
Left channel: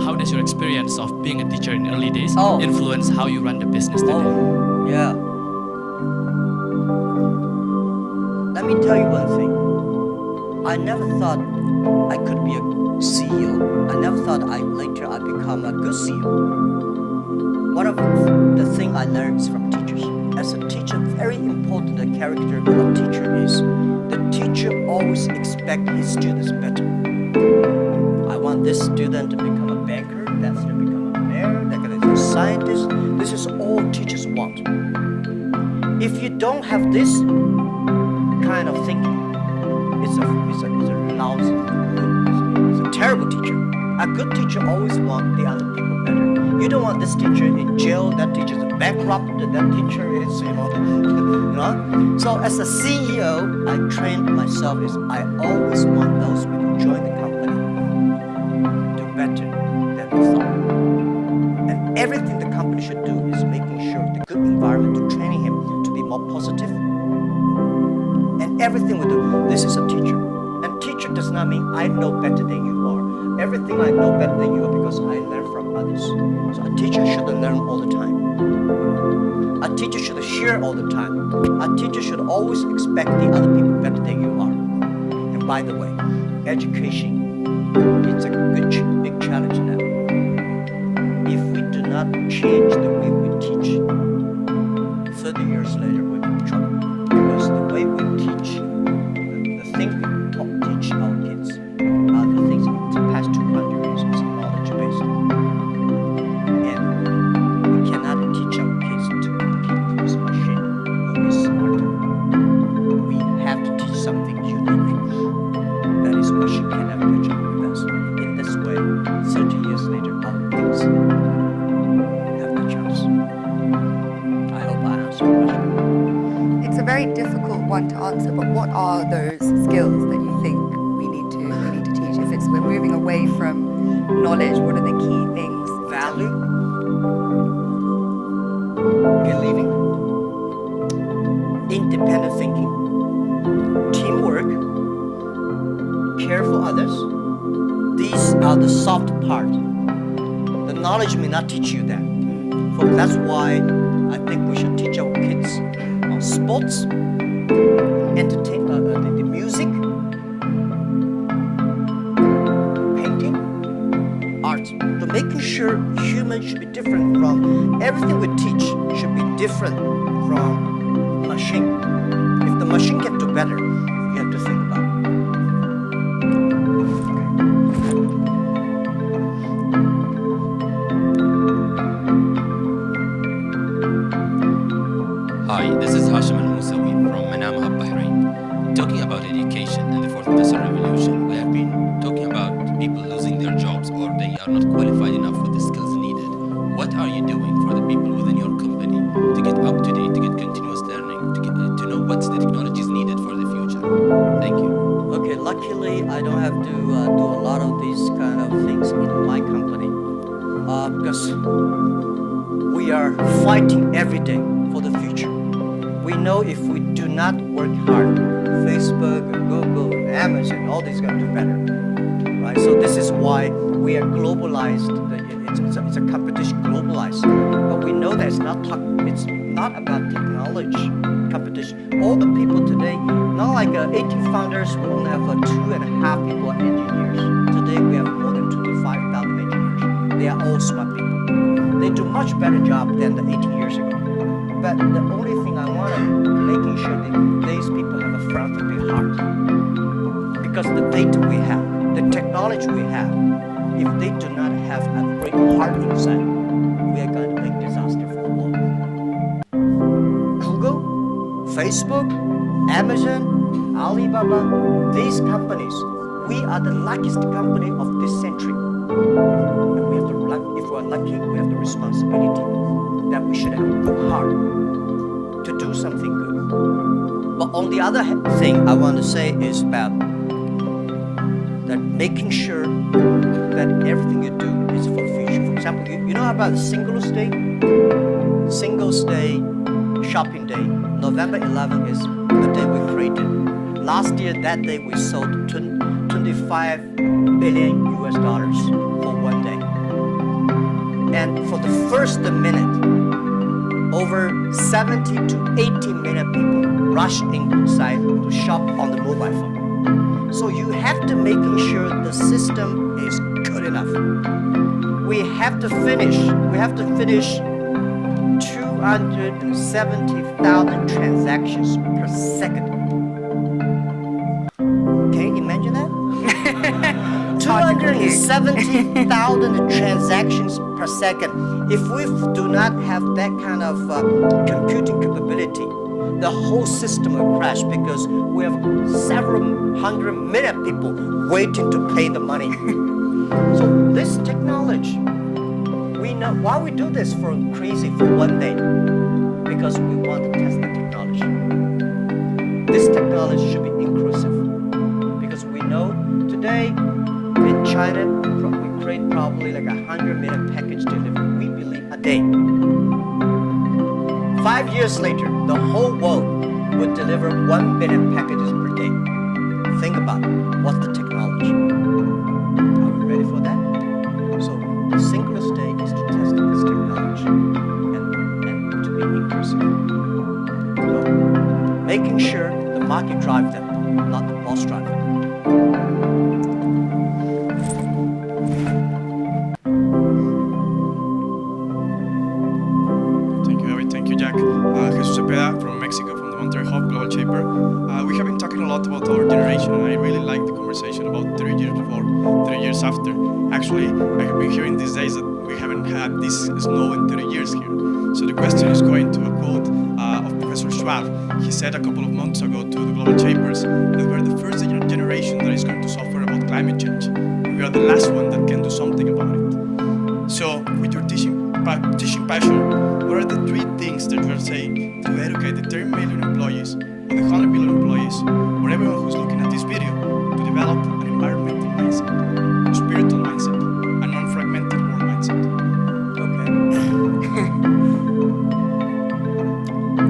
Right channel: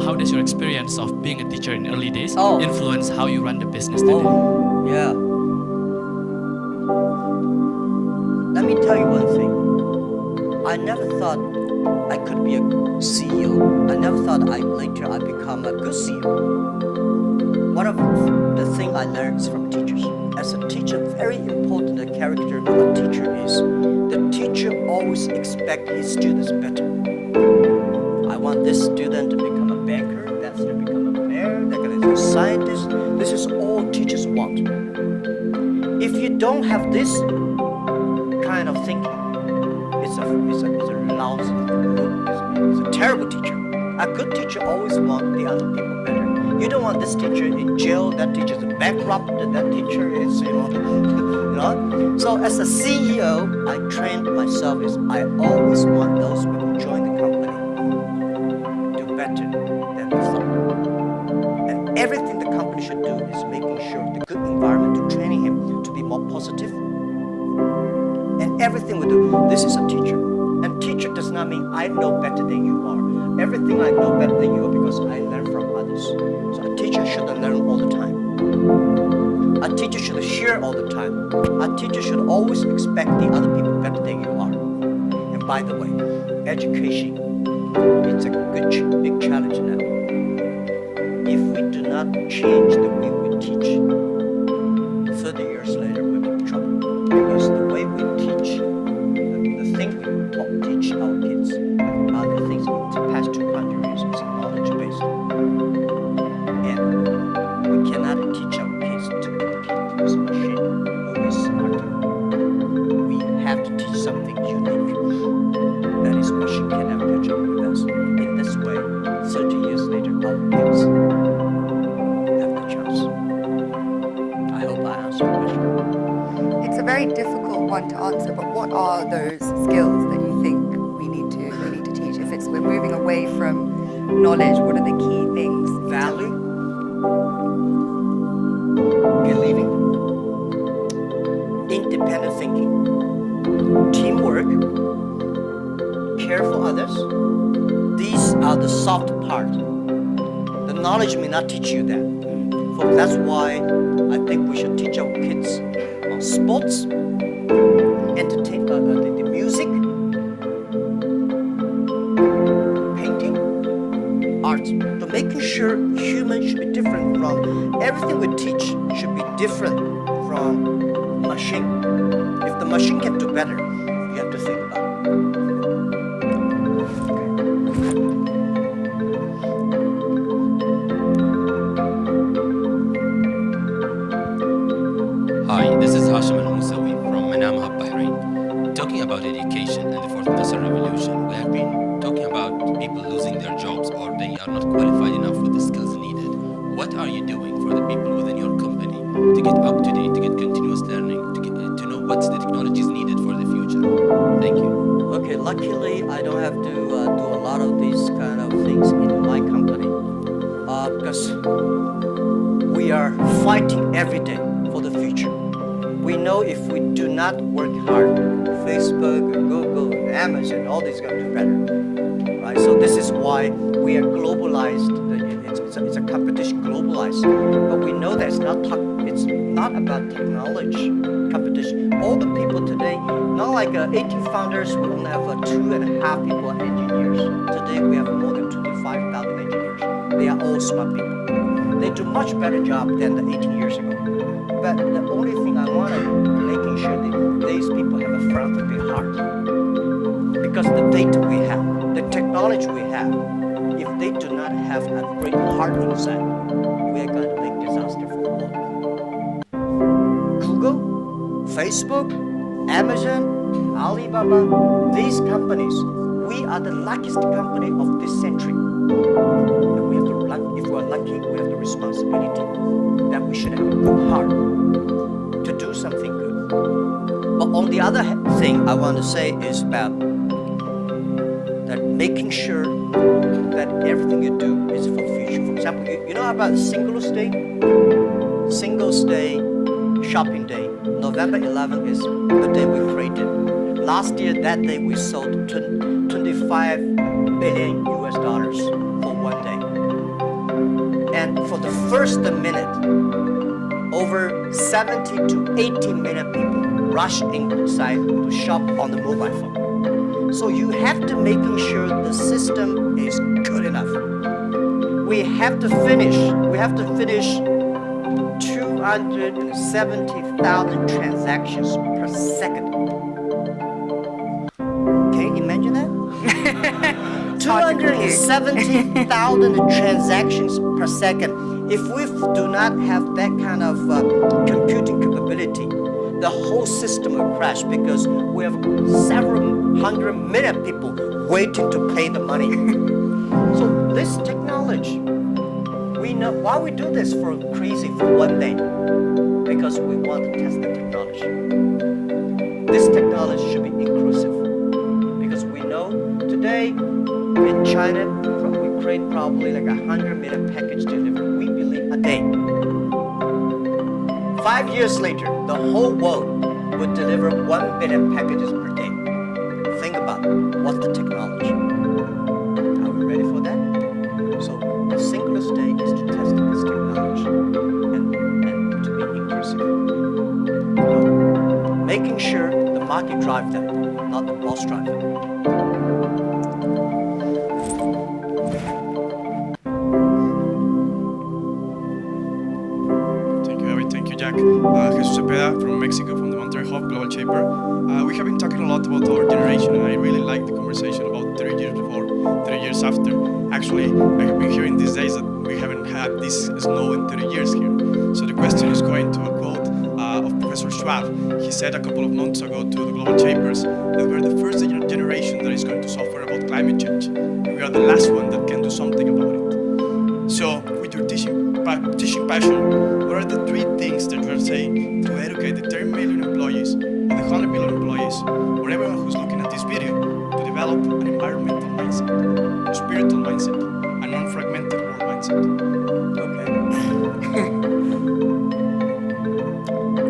How does your experience of being a teacher in early days Oh. influence how you run the business today? Oh, yeah. Let me tell you one thing. I never thought I could be a CEO. I never thought later I'd become a good CEO. One of the things I learned is from teachers. As a teacher, very important the character of a teacher is the teacher always expects his students better. I want this student to become a banker, that student to become a mayor, they're going to be a scientist. This is all teachers want. If you don't have this kind of thinking, it's a lousy, it's a terrible teacher. A good teacher always wants the other people better. You don't want this teacher in jail, that teacher is bankrupt, that teacher is, you know. So as a CEO, I trained myself is I always want those people who join the company do better than we thought. And everything the company should do is making sure the good environment to training him to be more positive. And everything we do, this is a teacher. And teacher does not mean I know better than you are. Everything I know better than you are because I learn from others. So a teacher should learn all the time. A teacher should share all the time. A teacher should always expect the other people better than you are. And by the way, education, it's a big challenge now. If we do not change the way we teach, 30 years later we'll be in trouble. Because the way we teach, the thing we teach our kids are the things in the past 200 years is knowledge-based. And we cannot teach our kids to compete with machine who is smarter. We have to teach something unique. That is machine cannot catch up with us. In this way, 30 years later, our kids have the chance. I hope I answered your question. It's a very difficult one to answer, but what are those skills that you think we need to teach? If we're moving away from knowledge, what are the key things? Value, believing, independent thinking, teamwork, care for others. These are the soft parts. The knowledge may not teach you that. That's why I think we should teach our kids on sports, entertainment, the music, painting, art. So making sure humans should be different from everything we teach should be different from machine. If the machine can do better, you have to think about it. Hi, this is Hashim Al-Musawi from Manama Hub, Bahrain. Talking about education and the fourth industrial revolution, we have been talking about people losing their jobs or they are not qualified enough with the skills needed. What are you doing for the people within your company to get up to date, to get continuous learning, to know what's the technologies needed for the future? Thank you. Okay, luckily I don't have to do a lot of these kind of things in my company because we are fighting every day for the future. We know if we do not work hard, Facebook, Google, Amazon, all these are going to do better, right? So this is why we are globalized. It's a competition globalized, but we know that it's not about technology competition. All the people today, not like 18 founders, we only have 2.5 people are engineers. Today we have more than 25,000 engineers. They are all smart people. They do much better job than the 18 years ago. But the only thing I want to making sure that these people have a philanthropy heart. Because the data we have, the technology we have, if they do not have a great heart inside, we are going to make disaster for the world. Google, Facebook, Amazon, Alibaba, these companies, we are the luckiest company of this century. And we have the if we're lucky, we have the responsibility that we should have a good heart to do something good. But on the other thing I want to say is about making sure that everything you do is for the future. For example, you know about Singles Day? Singles Day, shopping day. November 11th is the day we created. Last year, that day, we sold 25 billion US dollars for one day. And for the first minute, over 70 to 80 million people rush inside to shop on the mobile phone. So you have to making sure the system is good enough. We have to finish 270,000 transactions per second. Can you imagine that? 270,000 transactions per second. If we do not have that kind of computing capability, the whole system will crash because we have several hundred million people waiting to pay the money. So this technology, we know why we do this for one day, because we want to test the technology. This technology should be inclusive, because we know today in China we create probably like 100 million package delivery. We believe a day. 5 years later, the whole world would deliver 1 billion packages per day. Think about it. What's the technology? Are we ready for that? So the Singles Day is to test this technology and to be inclusive. So making sure the market drives them, not the boss drive them. Jesus Cepeda from Mexico, from the Monterrey Hub Global Shaper. We have been talking a lot about our generation, and I really like the conversation about 30 years before, 30 years after. Actually, I have been hearing these days that we haven't had this snow in 30 years here. So the question is going to a quote of Professor Schwab. He said a couple of months ago to the Global Shapers that we're the first generation that is going to suffer about climate change. And we are the last one that can do something about it. So, with your teaching passion, what are the 3 things that you are saying to educate the 30 million employees, or the 100 million employees, or everyone who's looking at this video, to develop an environmental mindset, a spiritual mindset, a non-fragmented world mindset? Okay.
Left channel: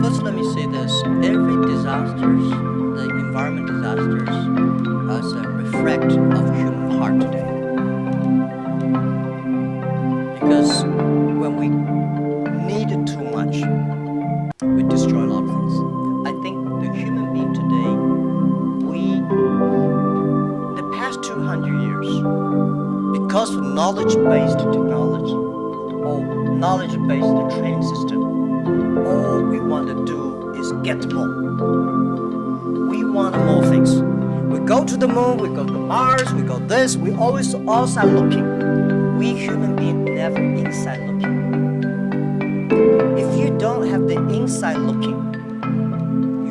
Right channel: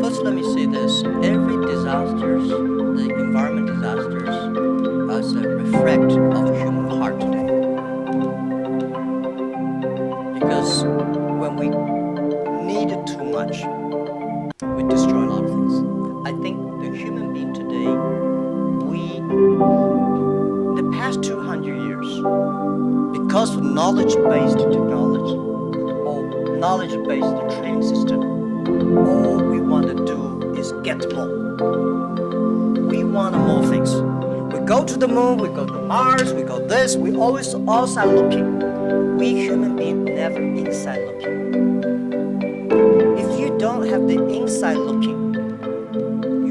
First, let me say this. Every disasters, the environment disasters, is a reflect of human heart today. Because when we need it too much, we destroy a lot of things. I think the human being today, in the past 200 years, because of knowledge-based technology or knowledge-based training system, all we want to do is get more. We want more things. We go to the moon, we go to Mars, we go this, we always outside looking. We human beings never inside looking. If you don't have the inside looking,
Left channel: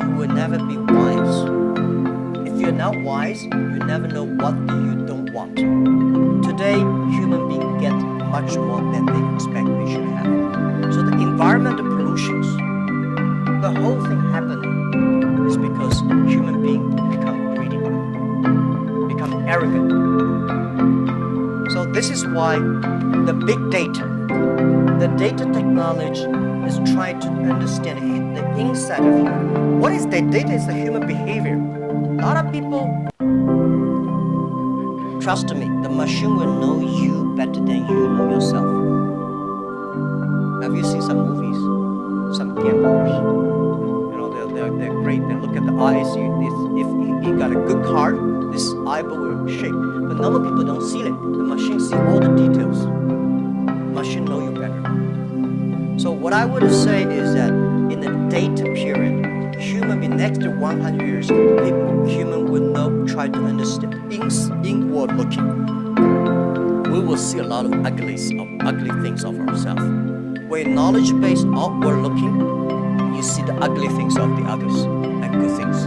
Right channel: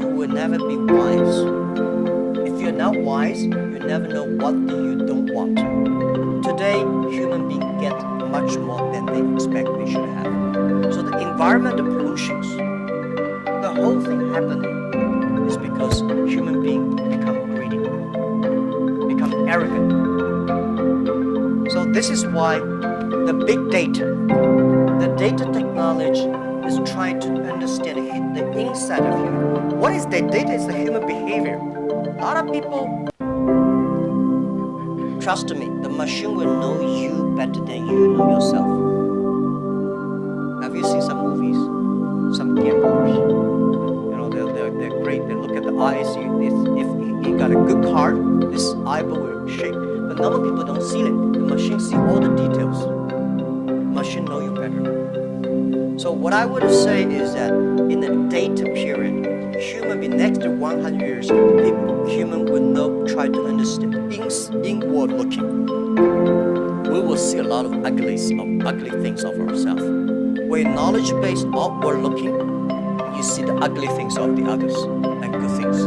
you will never be wise. If you're not wise, you never know what you don't want. Today, human beings get much more than they expect they should have. So the environmental pollutions, the whole thing happening is because human beings become greedy, become arrogant. So this is why the big data, the data technology is trying to understand the inside of human. What is the data? Is the human behavior. A lot of people, trust me, the machine will know you better than you know yourself. Have you seen some movies? Some gamblers, they're great. They look at the eyes. If he got a good card, this eyeball will shake. But normal people don't see it. The machine see all the details. Machine know you better. So what I would say is that in the data period, human being next to 100 years, human will not try to understand inward looking. We will see a lot of ugly things of ourselves. When knowledge-based outward looking, you see the ugly things of the others and good things.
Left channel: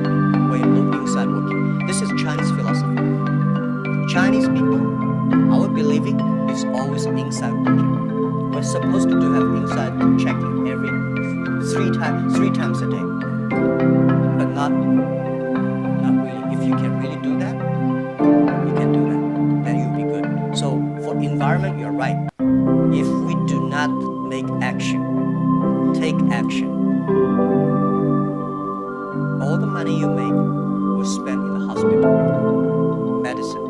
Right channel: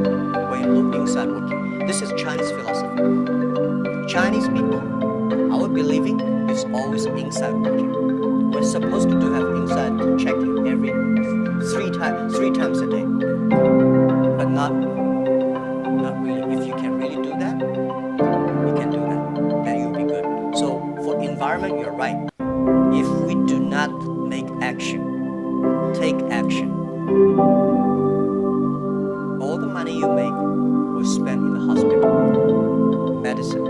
When you look inside looking, this is Chinese philosophy. Chinese people, our believing is always inside looking. We're supposed to have inside checking every three times a day, but not really. If you can really do that, you can do that. make action. Take action. All the money you make will spend in the hospital, medicine.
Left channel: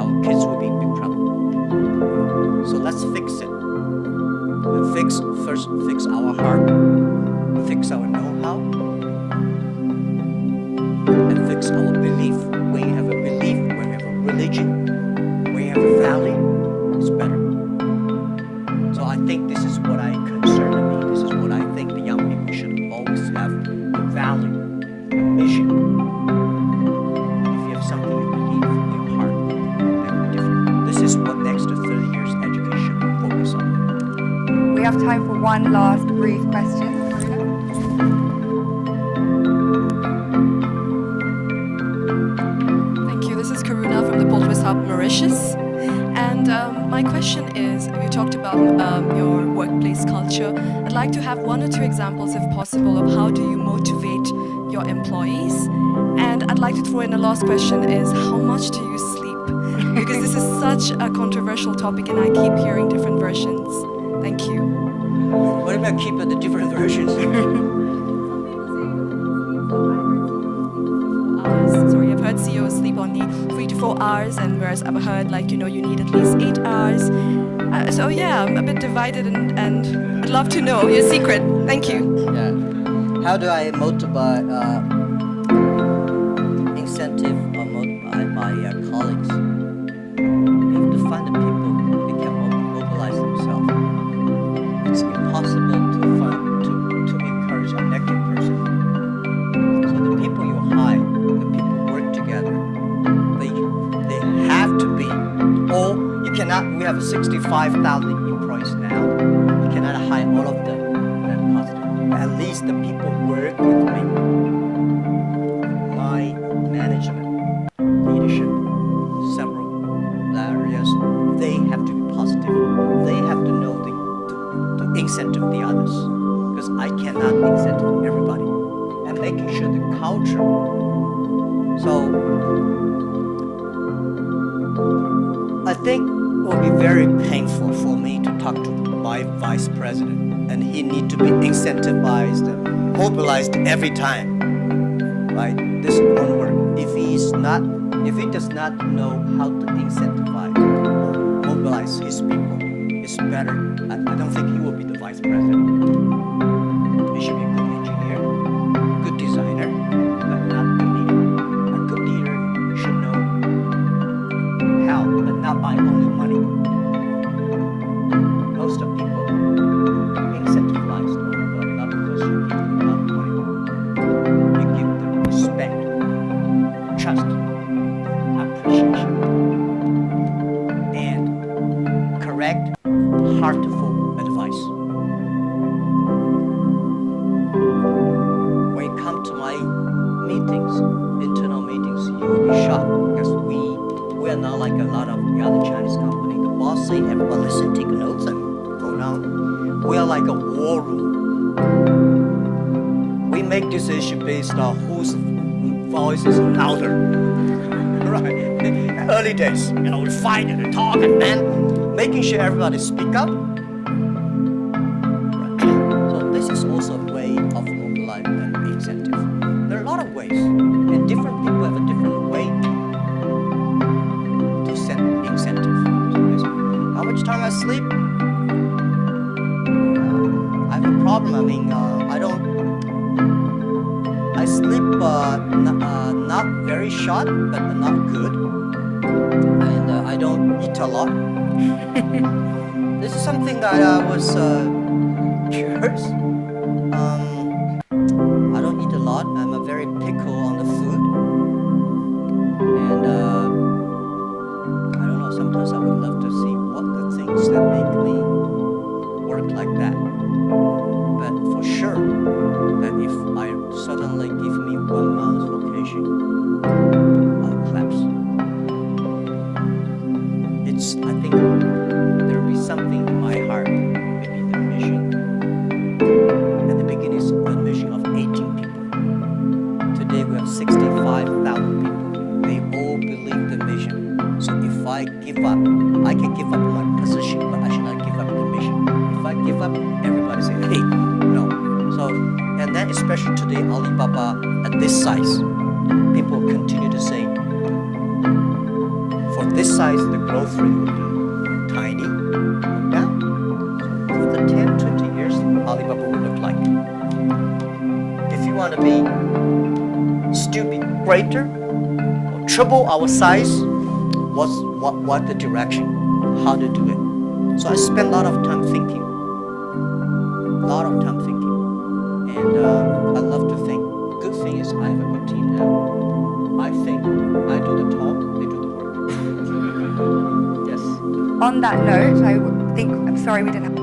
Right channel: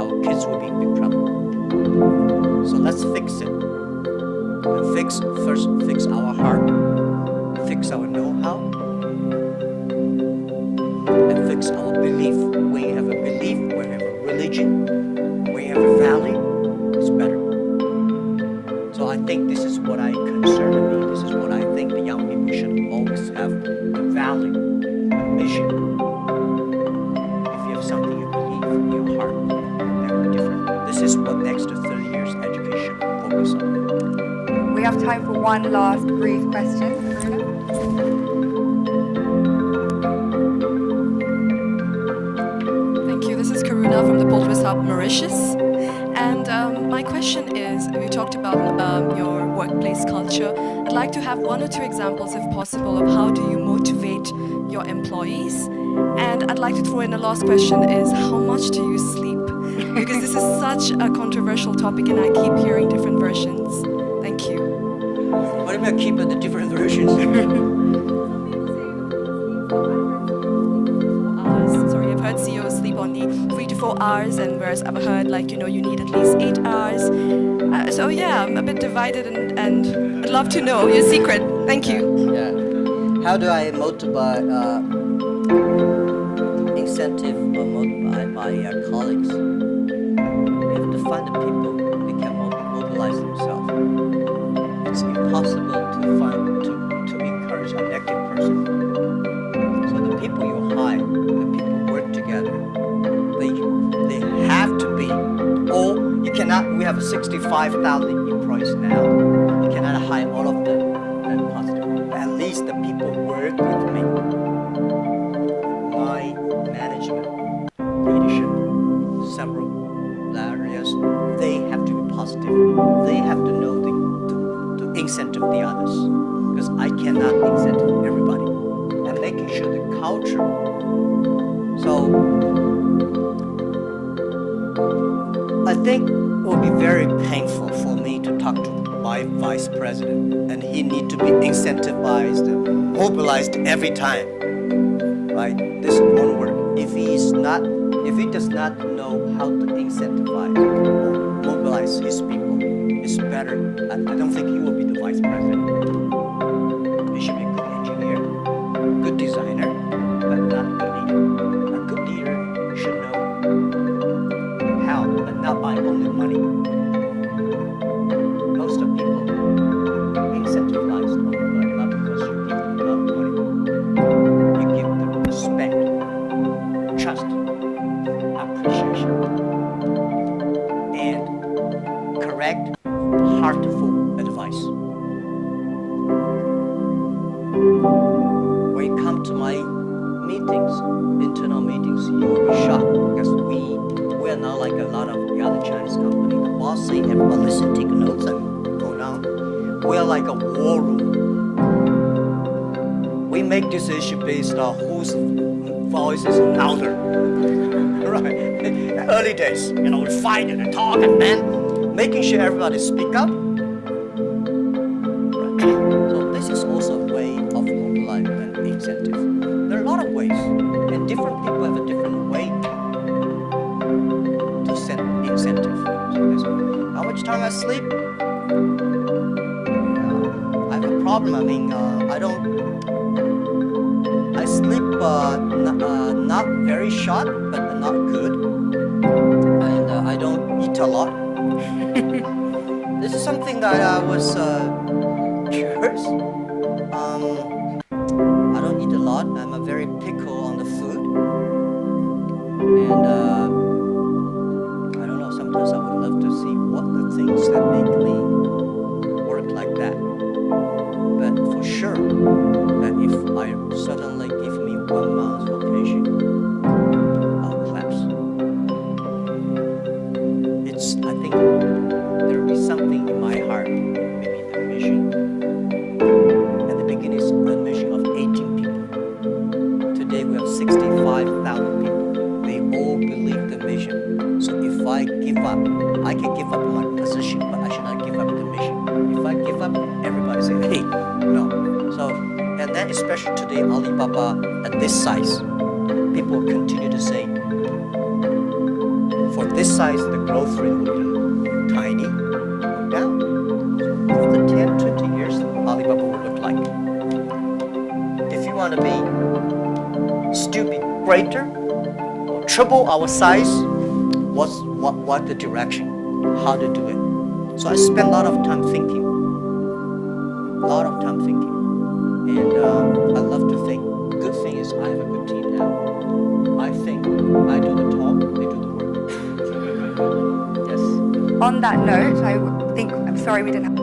Our kids will be in big trouble. So let's fix it. And first fix our heart, fix our know-how, and fix our belief. When you have a belief, when you have a religion, when you have a value, it's better. So I think this is what I concern me. This is what I think the young people should always have, the value, the mission. If you have something you believe in your heart, that will be different. This is what next to 30 years education focus on. We have time for one last brief question. Marina? Thank you. This is Karuna from the Poltwist Hub, Mauritius. And my question is, you talked about your workplace culture. I'd like to have one or two examples, if possible, of how do you motivate your employees. And I'd like to throw in a last question is, how much do you sleep? Because this is such a controversial topic and I keep hearing different versions. Thank you. What about keeping the different versions? Sorry, I've heard CEOs sleep only 3 to 4 hours, and whereas I've heard you need at least 8 hours. So yeah, I'm a bit divided, and I'd love to know your secret. Thank you. Yeah. How do I motivate, incentive or motivate my colleagues? You have to find the people that can mobilize themselves. It's impossible to encourage a negative person. So the people you hire, the people work together, they have to be, or you cannot, we have 65,000 employees now. You cannot hire all of them that positive. But at least the people work with me. My management, leadership, several areas, they have to be positive. They have to know to incentive the others, because I cannot incentive everybody. And making sure the culture. So I think it will be very painful for me to talk to my vice president, and he need to be incentivized, mobilized every time. Right? This won't work. If he does not know how to incentivize or mobilize his people, it's better. I don't think he will be the vice president. He should be a good engineer, good designer, but not a good leader. A good leader should know how, but not by only money. Most of people incentivized but not because you give them a lot of money. You give them respect, trust, appreciation, and correct, heartful advice. When you come to my meetings, internal meetings, you will be shocked, because we are not like a lot of the other Chinese companies. The boss say everyone listen, take notes, and go down. We are like a war room. We make decision based on whose voice is louder. Right? Early days, we fight and talk, and then making sure everybody speak up. Right. So this is also a way of mobilizing and incentive. There are a lot of ways, and different people have a different way to set incentive. So this, how much time I sleep? I have a problem. I sleep not very short, but not good, and I don't eat a lot. This is something that I was curious. I don't eat a lot. I'm a very picky on the food, and I don't know. Sometimes I would love to see what the things that make me work like that. But for sure, that if I suddenly give me 1 month vacation, I'll collapse. I think there will be something in my heart, maybe the mission. At the beginning, it's a mission of 18 people. Today, we have 65,000 people. They all believe the mission. So if I give up, I can give up my position, but I should not give up the mission. If I I give up, everybody say, hey, no. So, and then especially today, Alibaba at this size, people continue to say, for this size, the growth rate will be tiny or down. So within 10, 20 years, Alibaba will look like. If you want to be still be greater or triple our size, what the direction, how to do it. So I spend a lot of time thinking, and I love to think. Good thing is I have a good team now. I think, I do the talk, they do the work. Yes. On that note, I'm sorry we didn't have